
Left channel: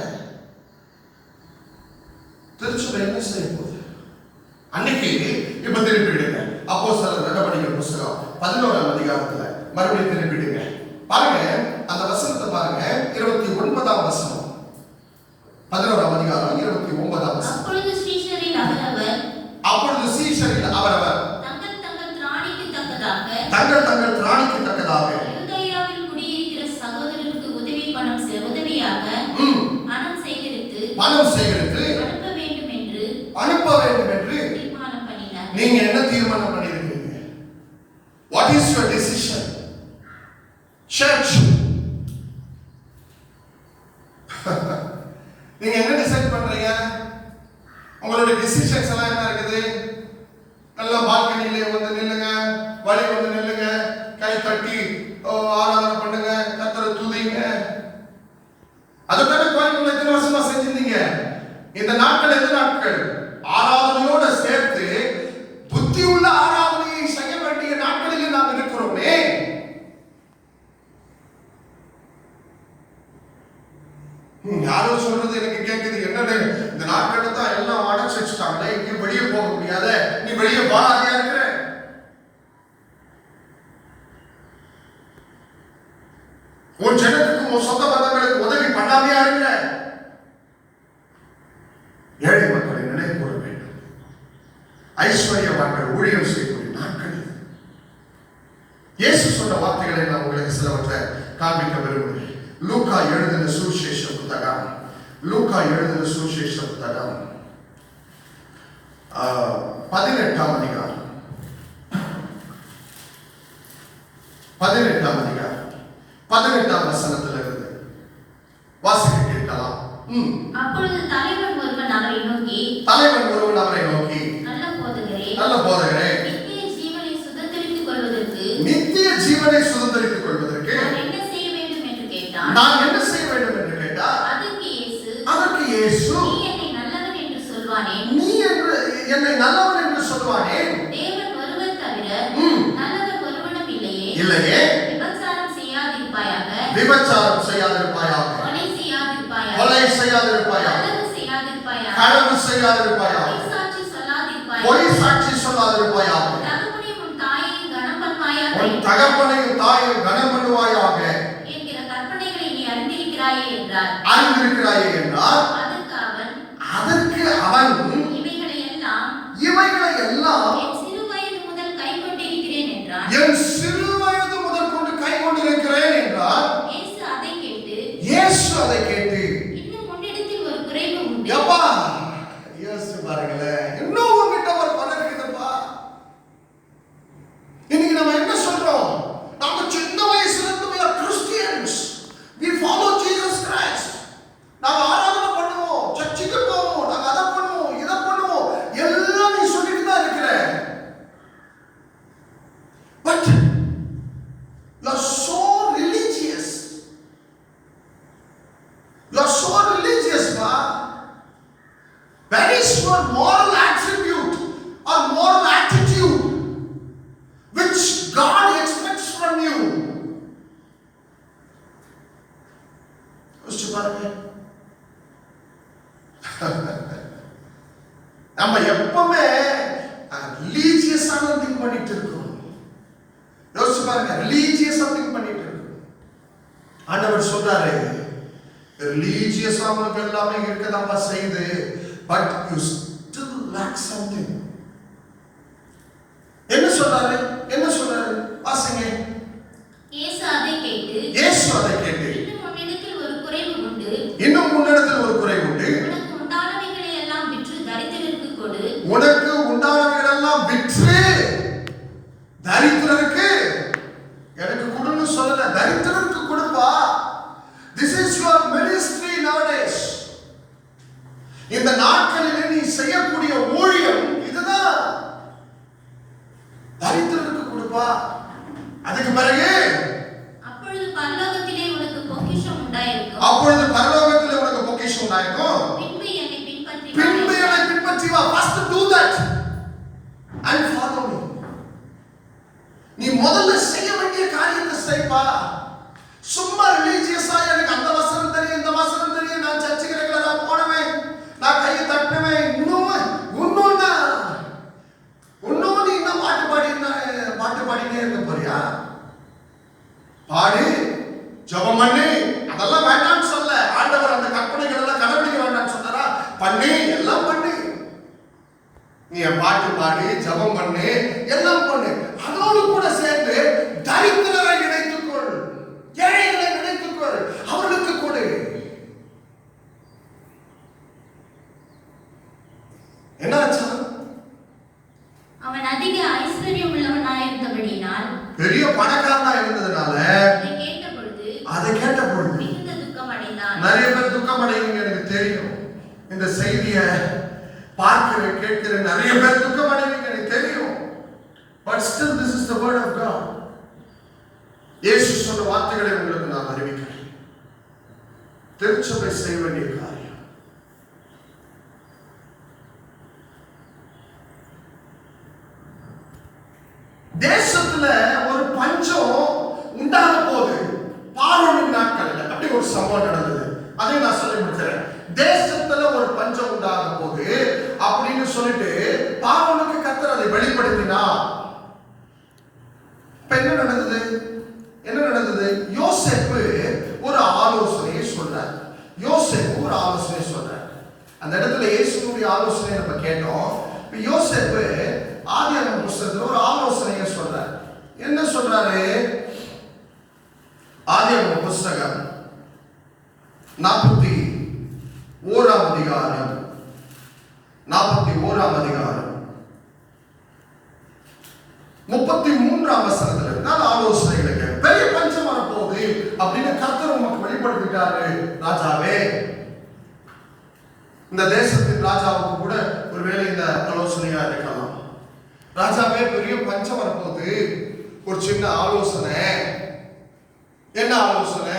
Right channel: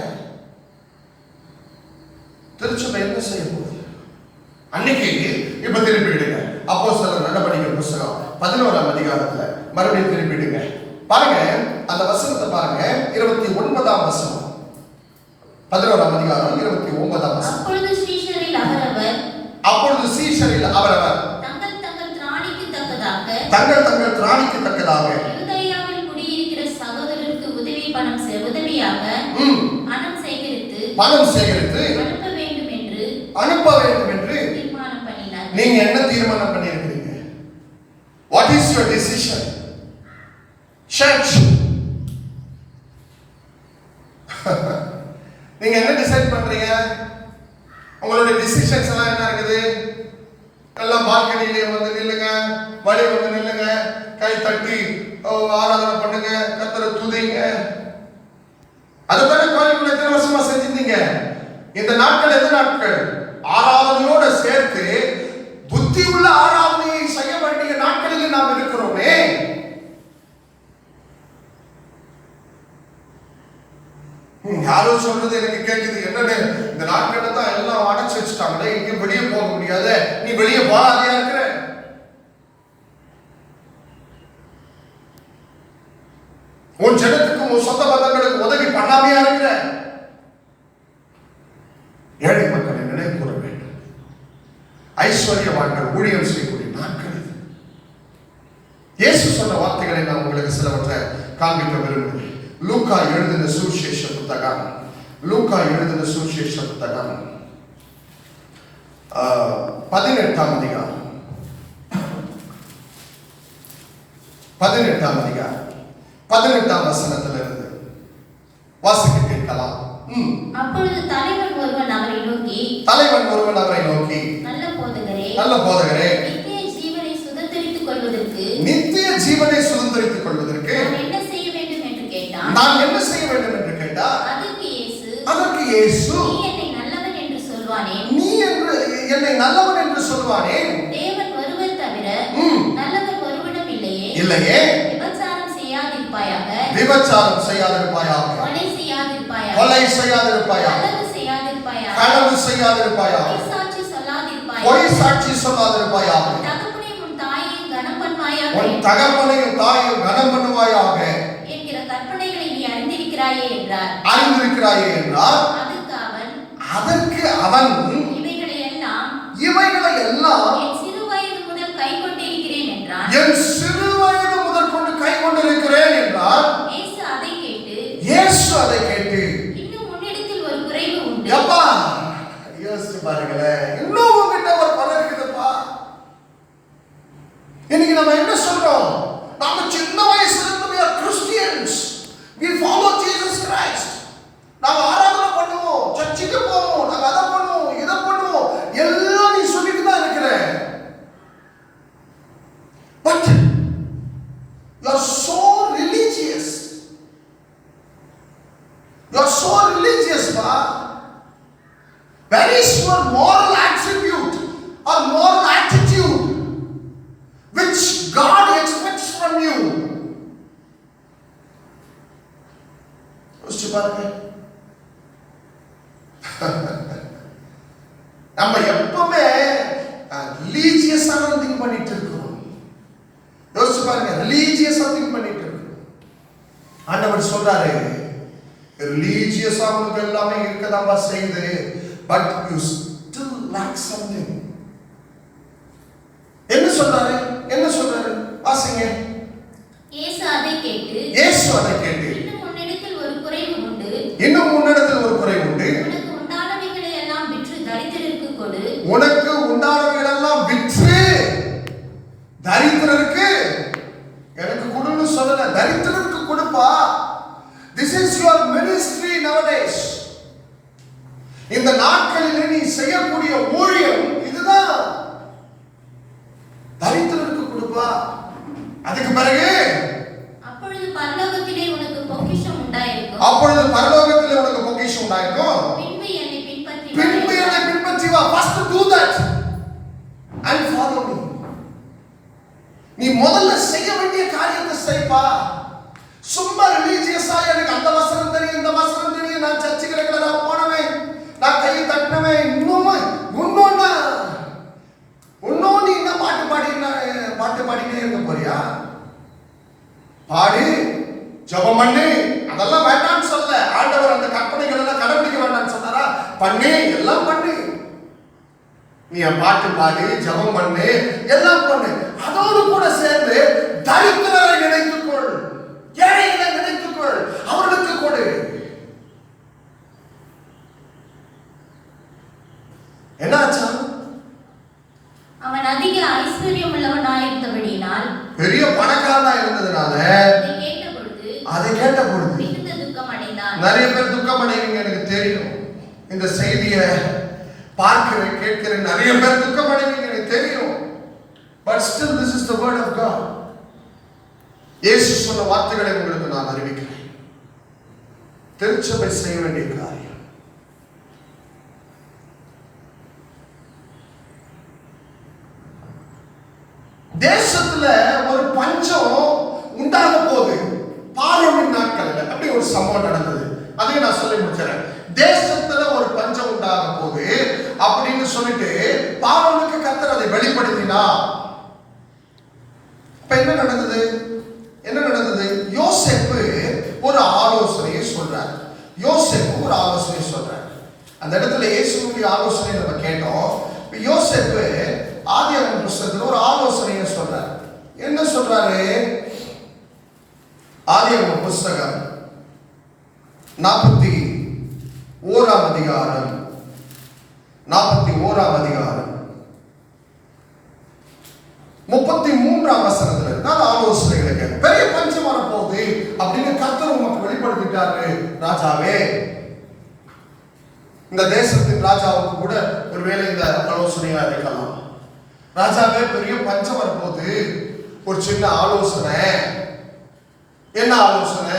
திருச்சபை என்ன செய்ய போகுது? அன்னைக்கு இப்ப திருப்பிடுங்க. அப்போஸ்தலர் நடவடிக்கைகள் புத்தகம் 11ஆம் அதிகாரத்துல மறுபடியும் திருப்பிடுங்க. பாருங்க, அந்த வசனத்தை பாருங்க. 29ஆம் வசனம், 11ஆம் அதிகாரம் 29ஆம் வசனம். அப்பொழுது சீஷரில் அவரவர் தங்கள் திராணிக்கு தக்கதாக யூதேயாவில் குடியிருக்கிற சகோதரருக்கு உதவியாக பணம் சேகரித்து அனுப்ப வேண்டும் என்று தீர்மானம் பண்ணினார். நீங்க என்ன தீர்மானம் பண்ணிருக்கீங்க? What is your decision? Church. நீங்க என்ன டிசைட் பண்றீங்க? உங்களுடைய டிசிஷன்ஸ் எல்லாம் என்ன இருக்குது? எல்லாம் பால்கனிலே வந்து நில்லுங்க, வழி வந்து நில்லுங்க, கை தட்டி ஆராதனை பண்ணுங்க, கர்த்தரை துதிங்க. அதுதானே கோயிலுக்குள்ள எத்தனை வருஷமா செஞ்சிருந்தீங்க? இந்த நாட்கள் எந்த நாட்கள்? ஆராதனையோட சேர்த்து புத்தி உள்ள ஆராதனையை செய்ய வேண்டிய நாட்களில் நாம் இருக்கிறோமே. யாரோ சொல்றது எனக்கு கேட்குது, என்னன்னு இந்த நாட்கள் தான் எல்லாம் அடைச்சு வச்சுட்டாங்களே, இங்க வெளியே போக முடியாது, நீ வெளியே போகாதையா இருக்கிற. உன் ஜனத்துக்கு, உன் சொந்த பந்தங்களுக்கு உதவி பண்ணாமையா இருக்கிற. ஏழை மக்களை நினைக்கூற வேண்டும். ஐஸ்வர்யவான்கள் ஊழியம் செய்யக்கூடிய நாட்கள் இது. இயேசு சொன்ன வார்த்தைகளை நான் உங்களுக்கு சிலவற்றை காண்பிக்க விரும்புகிறேன். லூக்கா எழுதின சுவிசேஷ புத்தகம் 18ஆம் அதிகாரம் 18ஆம் வசனத்திலிருந்து வாசிக்க கேட்கலாம். அப்பொழுது தலைவன் ஒருவன் அவரை நோக்கி நல்ல போதகரே, நித்திய ஜீவனை சுதந்தரித்துக் கொள்வதற்கு நான் என்ன செய்ய வேண்டும் என்று கேட்டார். அதற்கு இயேசு நீ என்னை நல்லவன் என்று சொல்வானேன். தேவன் ஒருவர் தவிர நல்லவர் ஒருவனும் இல்லையே. விபச்சாரம் செய்யாதிருப்பாயாக, கொலை செய்யாதிருப்பாயாக, களவு செய்யாதிருப்பாயாக, பொய் சாட்சி சொல்லாதிருப்பாயாக, உன் தகப்பனையும் தாயையும் கனம் பண்ணுவாயாக என்கிற கற்பனைகளை நீ அறிந்திருக்கிறாயே என்றார். அதற்கு அவன் இவைகளை எல்லாம் என் சிறு வயது முதல் கொண்டு கை கொண்டிருக்கிறேன் என்றார். இயேசு அதை கேட்டு இன்னும் உன்னிடத்தில் ஒரு குறைவு உண்டு. அப்பா, யோசிச்சு பாருங்களேன், இன்னும் உங்ககிட்ட ஒரு குறை இருக்குதுப்பா. இன்னைக்கு நம்ம என்ன சொல்றோம்? நம்ம சின்ன வயசுல இருந்து we are Christians, we follow Jesus Christ. நாம ஆராதனை பண்ணுவோம், சர்ச்சுக்கு போவோம், நாம அதை பண்ணுவோம், இதை பண்ணுவோம், எல்லாம் நீ சொல்லிட்டு தான் இருக்கிற. But you are so religious. You are so religious, pa. Where is your moral attribute or moral attitude which God expects from you? பாருங்க. நம்ம எப்பவுமே ரிலீஜியஸான திங்க் பண்ணிட்டு இருக்கோம். யோசிச்சு பாருங்க, ரிலீஜியஸா திங்க் பண்ணிட்டு இருக்கோம். ஆண்டவர் சொல்றாரு, ரிலீஜியஸா உங்களுக்கு எல்லாமே இருக்கதாப்பா செய்யுது, but you still lack something. என்ன சொல்றாரு? என்ன சொல்றாரு? வாசிங்க. இயேசு அதை கேட்டு இன்னும் உன்னிடத்தில் ஒரு குறைவு உண்டு, உனக்கு உண்டானவைகளை எல்லாம் விற்று தரித்திரருக்கு எனக்கு கொடுன்னு சொல்லல, தரித்திரருக்கு கொடுப்பா. This is your ministry nowadays. இந்த நாட்களிலே நீ செய்யக்கூடிய ஊழியம் இதுதான். தரித்திரருக்கு கொடுப்பா. அதுக்கு பிறகு அப்பொழுது பரலோகத்திலே உனக்கு பொக்கிஷம் உண்டாயிருக்கும். பின்பு என்னை பின்பற்றி வா. First do that and follow me. நீ முதல்ல செய்ய வேண்டிய காரியத்தை செய்ப்பா. சும்மா ரிலீஜியஸா எனக்கு அந்த வசனம் தெரியும், இந்த வசனம் தெரியும், நான் சர்ச்சுக்கு ரெகுலரா போனவன், நான் கையை தட்டினவன், இன்னொன்னு நீ என்ன பாட்டு பாடினே இருக்க போறியா? பாடு, ஜெபம் பண்ணு, அதெல்லாம் வேண்டாம்னு சொல்ல. ஆண்டவர் அந்த கற்பனைகள் எல்லாம் கடைபிடிக்க வேண்டாம்னு சொன்னாரா? பண்ணு, எல்லாம் பண்ணு. நீ பாட்டு பாடு, ஜெபம் பண்ணு, எல்லாம் பண்ணு. அதோடு கூட சேர்ந்து தரித்திரரை நினைத்துக்கொள், ஏழைகளை நினைத்துக்கொள், அவர்களுக்கு கொடு. என்னாச்சா? அவன் அதிக ஐஸ்வர்யம் உள்ளவனாயிருந்தபடியினால், பெரிய பணக்காரனா இருந்ததுனால அதை கேட்ட பொழுது மிகுந்த துக்கம் அடைந்தான். நிறைய பேர் துக்கம் அடைவீங்க, எனக்கு தெரியும். இந்த செய்தியை பார்க்கிற கேட்கிற நிறைய பேர் துக்கம் அடைவீங்க, எனக்கு தெரியும். But still this is the word of God. இயேசு சொன்ன வார்த்தைகளை உங்களுக்கு நான் அறிவிக்கிறேன். திருச்சபை செய்ய வேண்டிய காரியம். தேசத்துல ஒரு பஞ்சம் உண்டாக போகுது. பார்வோனின் நாட்கள்ல அப்படி ஒரு சம்பவம் நடந்தது. அதையும் நான் சொல்லி முடிக்கிறேன். தேசத்துல ஒரு பஞ்சம் உண்டாக போகுது அப்படின்னு சொல்லிட்டு பார்வோனுக்கு கர்த்தர் அதை வெளிப்படுத்தினா, இப்ப என்ன நடந்தது? யோசேப்பு ஒரு ஆலோசனையை சொல்றார். அந்த இடத்துல இயேசுவுடைய ஆலோசனை நம்ம கேட்டோம். யோசேப்பு ஆதியாகமம் புத்தகத்துல ஒரு ஆலோசனையை சொல்றார். என்ன சொல்றாரு? ஆதியாகமம் புத்தகம் 41ஆம் அதிகாரம் 33ஆம் வசனத்துல நான் ஆலோசனைகளை கேட்டேன். பெரிய பஞ்சம் வரப்போகுது அப்படின்னு கர்த்தர் உங்களுக்கு வெளிப்படுத்திட்டாரு. ராஜாவே, இந்த தேசத்தின் ராஜாவுக்கு கூட ஒருவேளை இந்த ஆலோசனையா இருக்கலாம். ராஜாவே, பெரிய பஞ்சம் வரப்போகுது, ஒரு சின்ன ஆலோசனை. என்ன ஆலோசனை?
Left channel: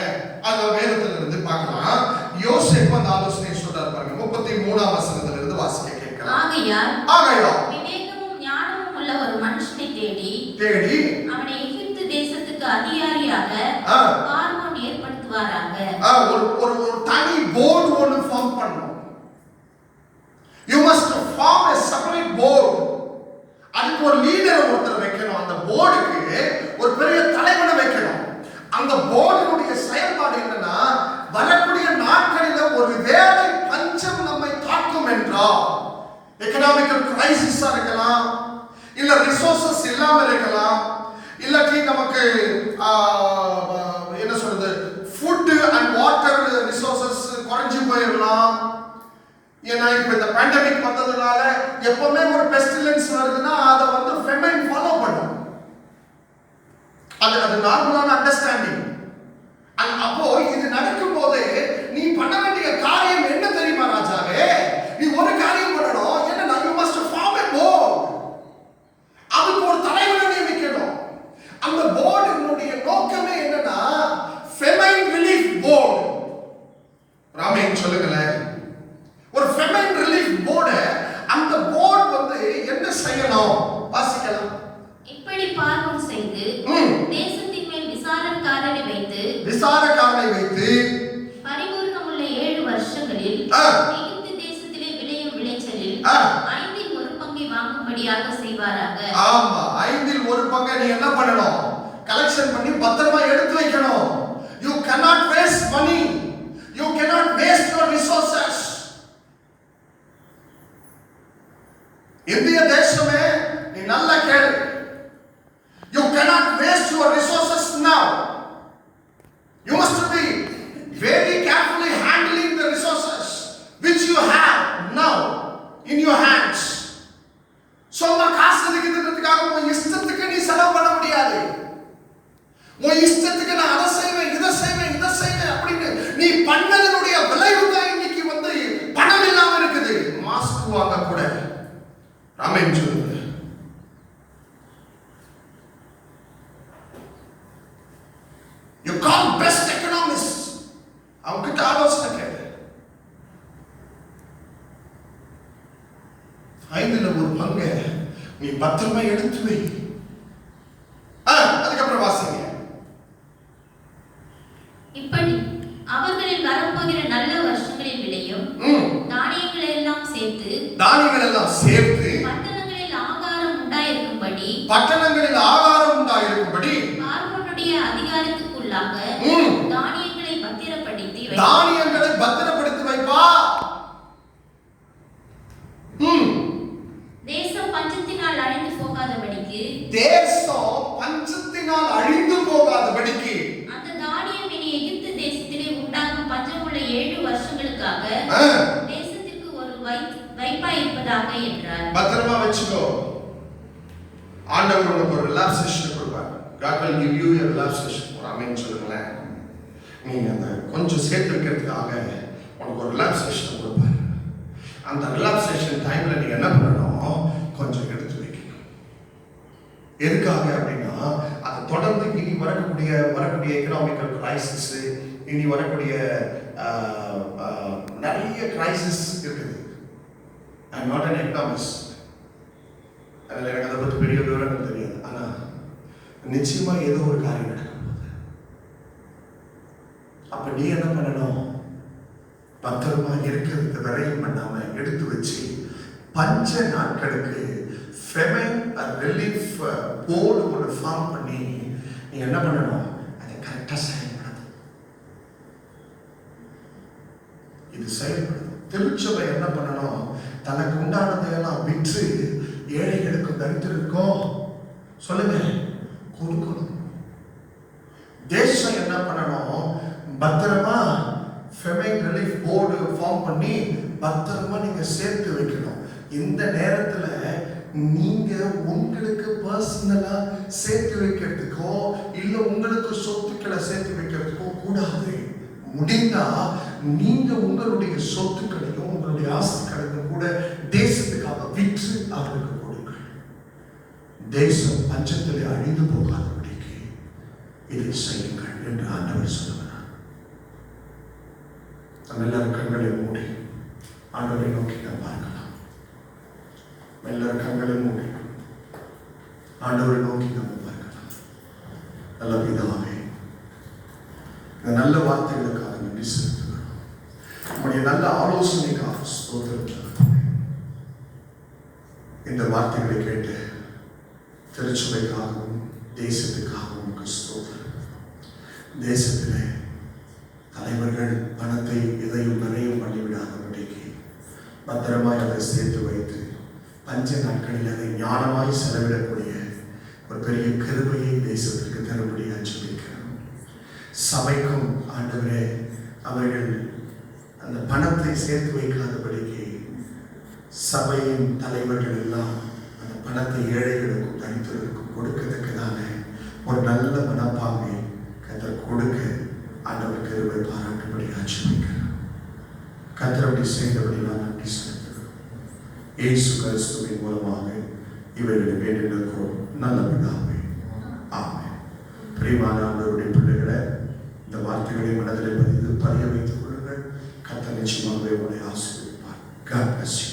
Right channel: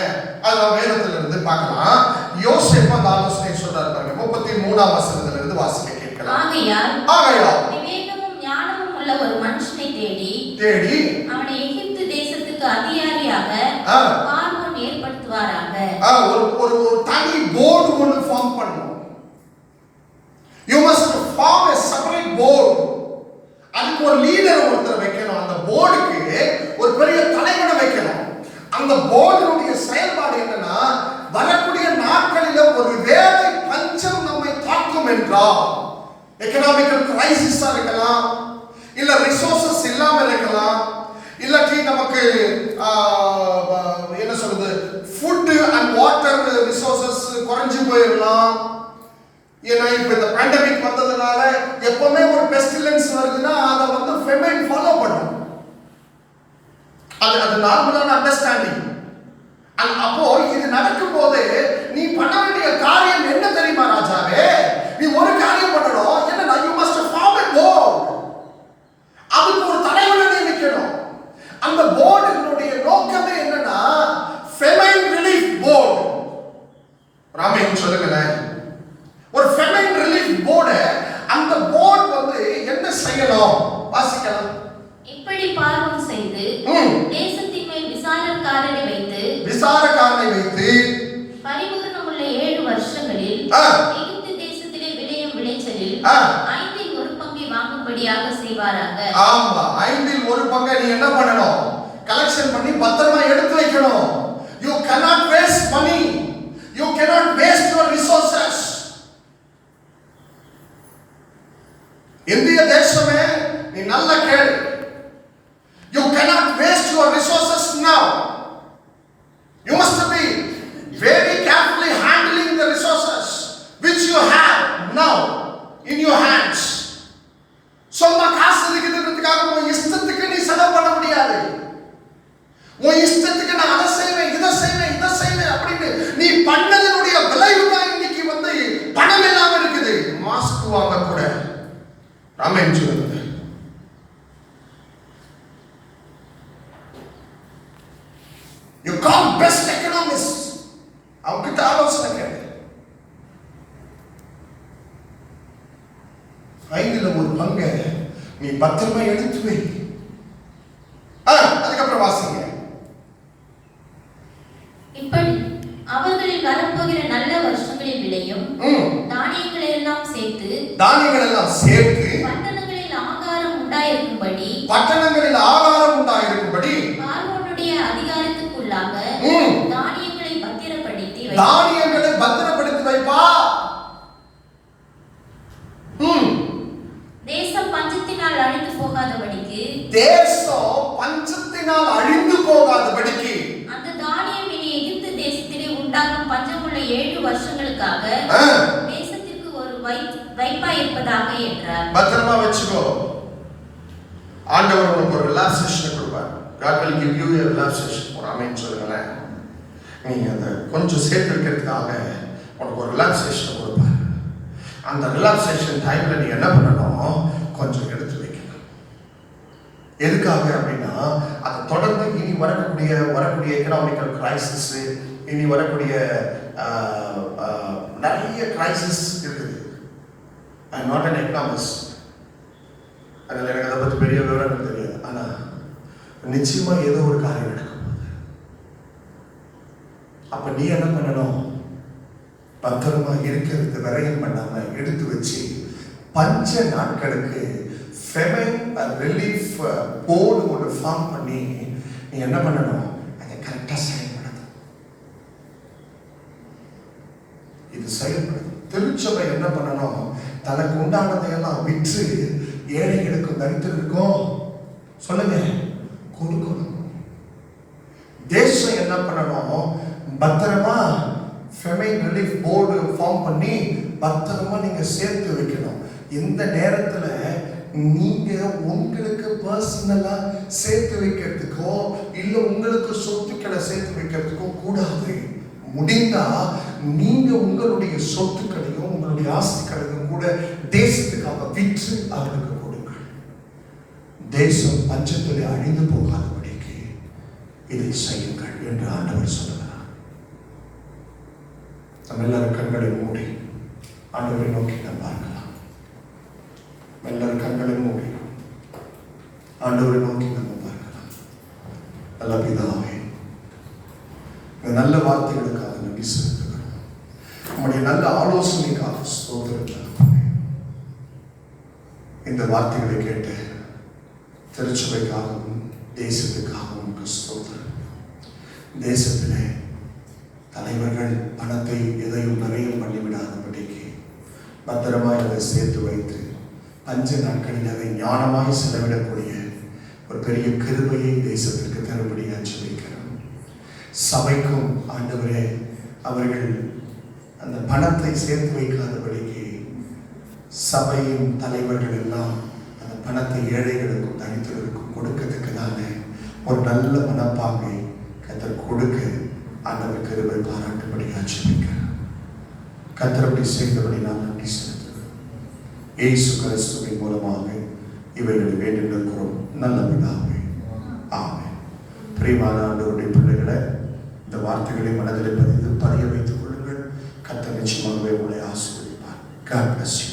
அது வேதத்துல இருந்து பார்க்கலாம். யோசேப்பு அந்த ஆலோசனை சொல்றாரு பாருங்க. 33ஆம் வசனத்துல இருந்து வாசிக்க கேட்கலாம். ஆகையால் விவேகமும் ஞானமும் உள்ள ஒரு மனுஷனை தேடி அவனை எகிப்து தேசத்துக்கு அதிகாரியாக பார்வோன் ஏற்படுத்துவாராக. ஒரு தனி போர்டு ஒன்று ஃபார்ம் பண்ணணும். You must form a separate board. அதுக்கு ஒரு லீடர் ஒருத்தர் வைக்கணும். அந்த போர்டுக்கு ஒரு பெரிய தலைவனை வைக்கணும். அந்த போர்டுடைய செயல்பாடு என்னன்னா, வரக்கூடிய நாட்களில் ஒரு வேலை பஞ்சம் நம்மை தாக்கும் என்றால், எக்கனாமிக்கல் கிரைசிஸா இருக்கலாம், இல்ல ரிசோர்சஸ் இல்லாம இருக்கலாம், இல்லாட்டி நமக்கு என்ன சொல்றது, ஃபுட் அண்ட் வாட்டர் ரிசோர்சஸ் குறைஞ்சு போயிடலாம். ஏன்னா இப்ப இந்த பேண்டமிக் வந்ததுனால எப்பவுமே ஒரு பெஸ்டிலன்ஸ் வருதுன்னா அதை வந்து ஃபெமைன் ஃபாலோ பண்ணும். அது நார்மலான அண்டர்ஸ்டாண்டிங். அப்போ இது நடக்கும் போது நீ பண்ண வேண்டிய காரியம் என்ன தெரியுமா ராஜாவே? நீ ஒரு காரியம் பண்ணணும். என்னன்னா, you must form a board. அதுக்கு ஒரு தலைவனை நியமிக்கணும். அந்த போர்டினுடைய நோக்கமே என்னன்னா, ஃபெமைன் ரிலீஃப் போர்டு. ராமேன் சொல்லுங்களேன். ஒரு ஃபெமைன் ரிலீஃப் போர்டு. அந்த போர்டு வந்து என்ன செய்யணும்? வாசிக்கலாம். இப்படி பார்வோன் செய்து தேசத்தின் மேல் விசாரக்காரனை வைத்து பரிபூரணமுள்ள வருடங்களில் எகிப்து தேசத்திலே விளையும் விளைச்சலில் 1/5 வாங்கும்படியாக செய்வாராக. ஆமா, 1/5 நீ என்ன பண்ணணும்? கலெக்ஷன் பண்ணி பத்திரமா எடுத்து வைக்கணும். You cannot waste money. You cannot waste your resources. இந்திய தேசமே நீ நல்ல கேளு. You cannot waste your resources now. You must be very carefully handling the resources which you have now in your hands. சொந்த காசு இருக்கிறதுக்காக உன் இஷ்டத்துக்கு நீ செலவு பண்ண முடியாது. உன் இஷ்டத்துக்கு நான் அதை செய்வேன் இதை செய்வேன் அப்படின்னு நீ பண்ணதனுடைய விளைவு தான் இன்னைக்கு பணம் இல்லாம இருக்குது. மாஸ்க் வாங்க கூட ராமன் சொல்லுங்க. You call best economists. அவங்கிட்ட ஆலோசனை கேட்டு 1/5 நீ பத்திரமா எடுத்து வை. அதுக்கப்புறம் வாசிங்க. இப்படி அவர்களில் வரப்போகிற நல்ல வருஷங்களில் விளையும் தானியங்களை எல்லாம் சேர்த்து பட்டணங்களில் ஆகாரம் உண்டாயிருக்கும்படி பார்வோனுடைய அதிகாரத்துக்குள்ளாக தானியங்களை பத்திரப்படுத்தி வைப்பா. தேசம் பஞ்சத்தினால் அழிந்து போகாதபடிக்கு அந்த தானியம் இனி எகிப்து தேசத்திலே உண்டாகும் பஞ்சமுள்ள 7 வருஷங்களுக்காக தேசத்திற்கு ஒரு வைப்பாய் இருப்பதாக என்றார். பத்திரமா வச்சுக்கோ. ஆண்டவர் உனக்கு ஒரு ரிலாக்சேஷன் கொடுப்பார். God will give you a relaxation. ஆமென் சொல்லுங்க. நீ அந்த கொஞ்சம் சேர்த்து இருக்கிறதுக்காக உனக்கு ஒரு ரிலாக்சேஷன் கொடுப்பார். அந்த ரிலாக்சேஷன் டைம்ல நீ என்ன பண்ணணும்? கொஞ்சம் எடுத்து வைக்கணும். எதுக்காக அப்படின்னா அதை தொடர்ந்து இனி வரக்கூடிய எக்கனாமிக்கல் கிரைசிஸ், இனி வரக்கூடிய நிறைய கிரைசிஸ் இருக்குது. I am not an economist. அதில் எனக்கு அதை பற்றி பெரிய விவரங்கள் தெரியாது. ஆனால் நிச்சயமா ஏதோ ஒரு காரியம் நடக்கும். அப்ப நீ என்ன பண்ணணும்? பத்திரமா இருக்கிறதுக்கு வரையும் பண்ணாம எடுத்து வச்சு பஞ்ச நாட்களுக்கு ஃபெமைன் ரிலீஃப் போர்டு ஒரு ஃபார்ம் பண்ணி நீ என்ன பண்ணணும்? அதை கரெக்டா செயல்படுது. இது செயல்படுது. திருச்சபை என்ன பண்ணணும்? தனக்கு உண்டானதையெல்லாம் விற்று ஏழைகளுக்கும் தரித்திருக்கும் சொல்லுங்க கொடுக்கணும். தேசம் என்ன பண்ணணும்? பத்திரமா ஃபெமைன் ரிலீஃப் போர்டு ஃபார்ம் பண்ணி பத்திரமா நீங்க சேர்த்து வைக்கணும். இந்த நேரத்துல நீங்க உங்களுக்கு பர்சனலா சேர்த்து வைக்கிறதுக்கோ இல்ல உங்களுக்கு சொத்துக்களை சேர்த்து வைக்கிறதுக்கோ கூடாது. முடிந்தா நீங்க உங்களுடைய சொத்துக்களையும் உங்களுடைய ஆஸ்திகளையும் கூட தேசத்துக்காக விற்று அவர்களுக்கு கொடுங்கள். தேசம் பஞ்சத்திலே அழிந்து போகாதபடிக்கு இதை செய்யுங்கள் என்று ஆண்டவர் சொல்லுகிறார். நம்ம எல்லாரும் கண்களை மூடி ஆண்டவரை நோக்கி நாம் பார்க்கலாம். எல்லாரும் கண்களை மூடி ஆண்டவரை நோக்கி நம்ம பார்க்கலாம். நல்ல பிதாவே, இந்த நல்ல வார்த்தைகளுக்காக நன்றி செலுத்துகிறோம். நம்முடைய நல்ல ஆலோசனைக்காக ஸ்தோத்திரம். இந்த வார்த்தைகளை கேட்டு திருச்சபைக்காகவும் தேசத்துக்காகவும் ஸ்தோத்திரம். தேசத்திலே தலைவர்கள் பணத்தை எதையும் நிறைய பண்ணிவிடாதபடிக்கு பத்திரமாய் அதை சேர்த்து வைத்து பஞ்ச நாட்களில் அதை ஞானமாய் செலவிடக்கூடிய ஒரு பெரிய கிருபையை தேசத்திற்கு தரும்படியாக ஜெபிக்கிறேன். சபைக்கும் ஆண்டவரே அவர்கள் அந்த பணத்தை சேர்த்து வைக்காதபடிக்கு சபையின் தலைவர்கள் எல்லாம் அந்த பணத்தை ஏழைகளுக்கும் தனித்தவர்களுக்கும் கொடுக்கிறதுக்குதான ஒரு நல்ல மனப்பாங்கை கர்த்தர் கொடுக்க ஆண்டவர் கிருபை பாராட்டும்படியாக ஜெபிக்கிறேன். கர்த்தர் அப்படி செய்தபடி நான் நன்றி செலுத்துகிறேன். இயேசு கிறிஸ்துவின் மூலமாக இவைகளை வேண்டியிருக்கிறோம் நல்ல பிதாவே, ஆமென். பிரியமான ஆண்டவருடைய பிள்ளைகளை இந்த வார்த்தைகளை மனதில் பதிய வைத்துக் கொள்ளுங்கள். கர்த்தர் நிச்சயமாகவே உங்களை ஆசீர்வதிப்பார். God bless you.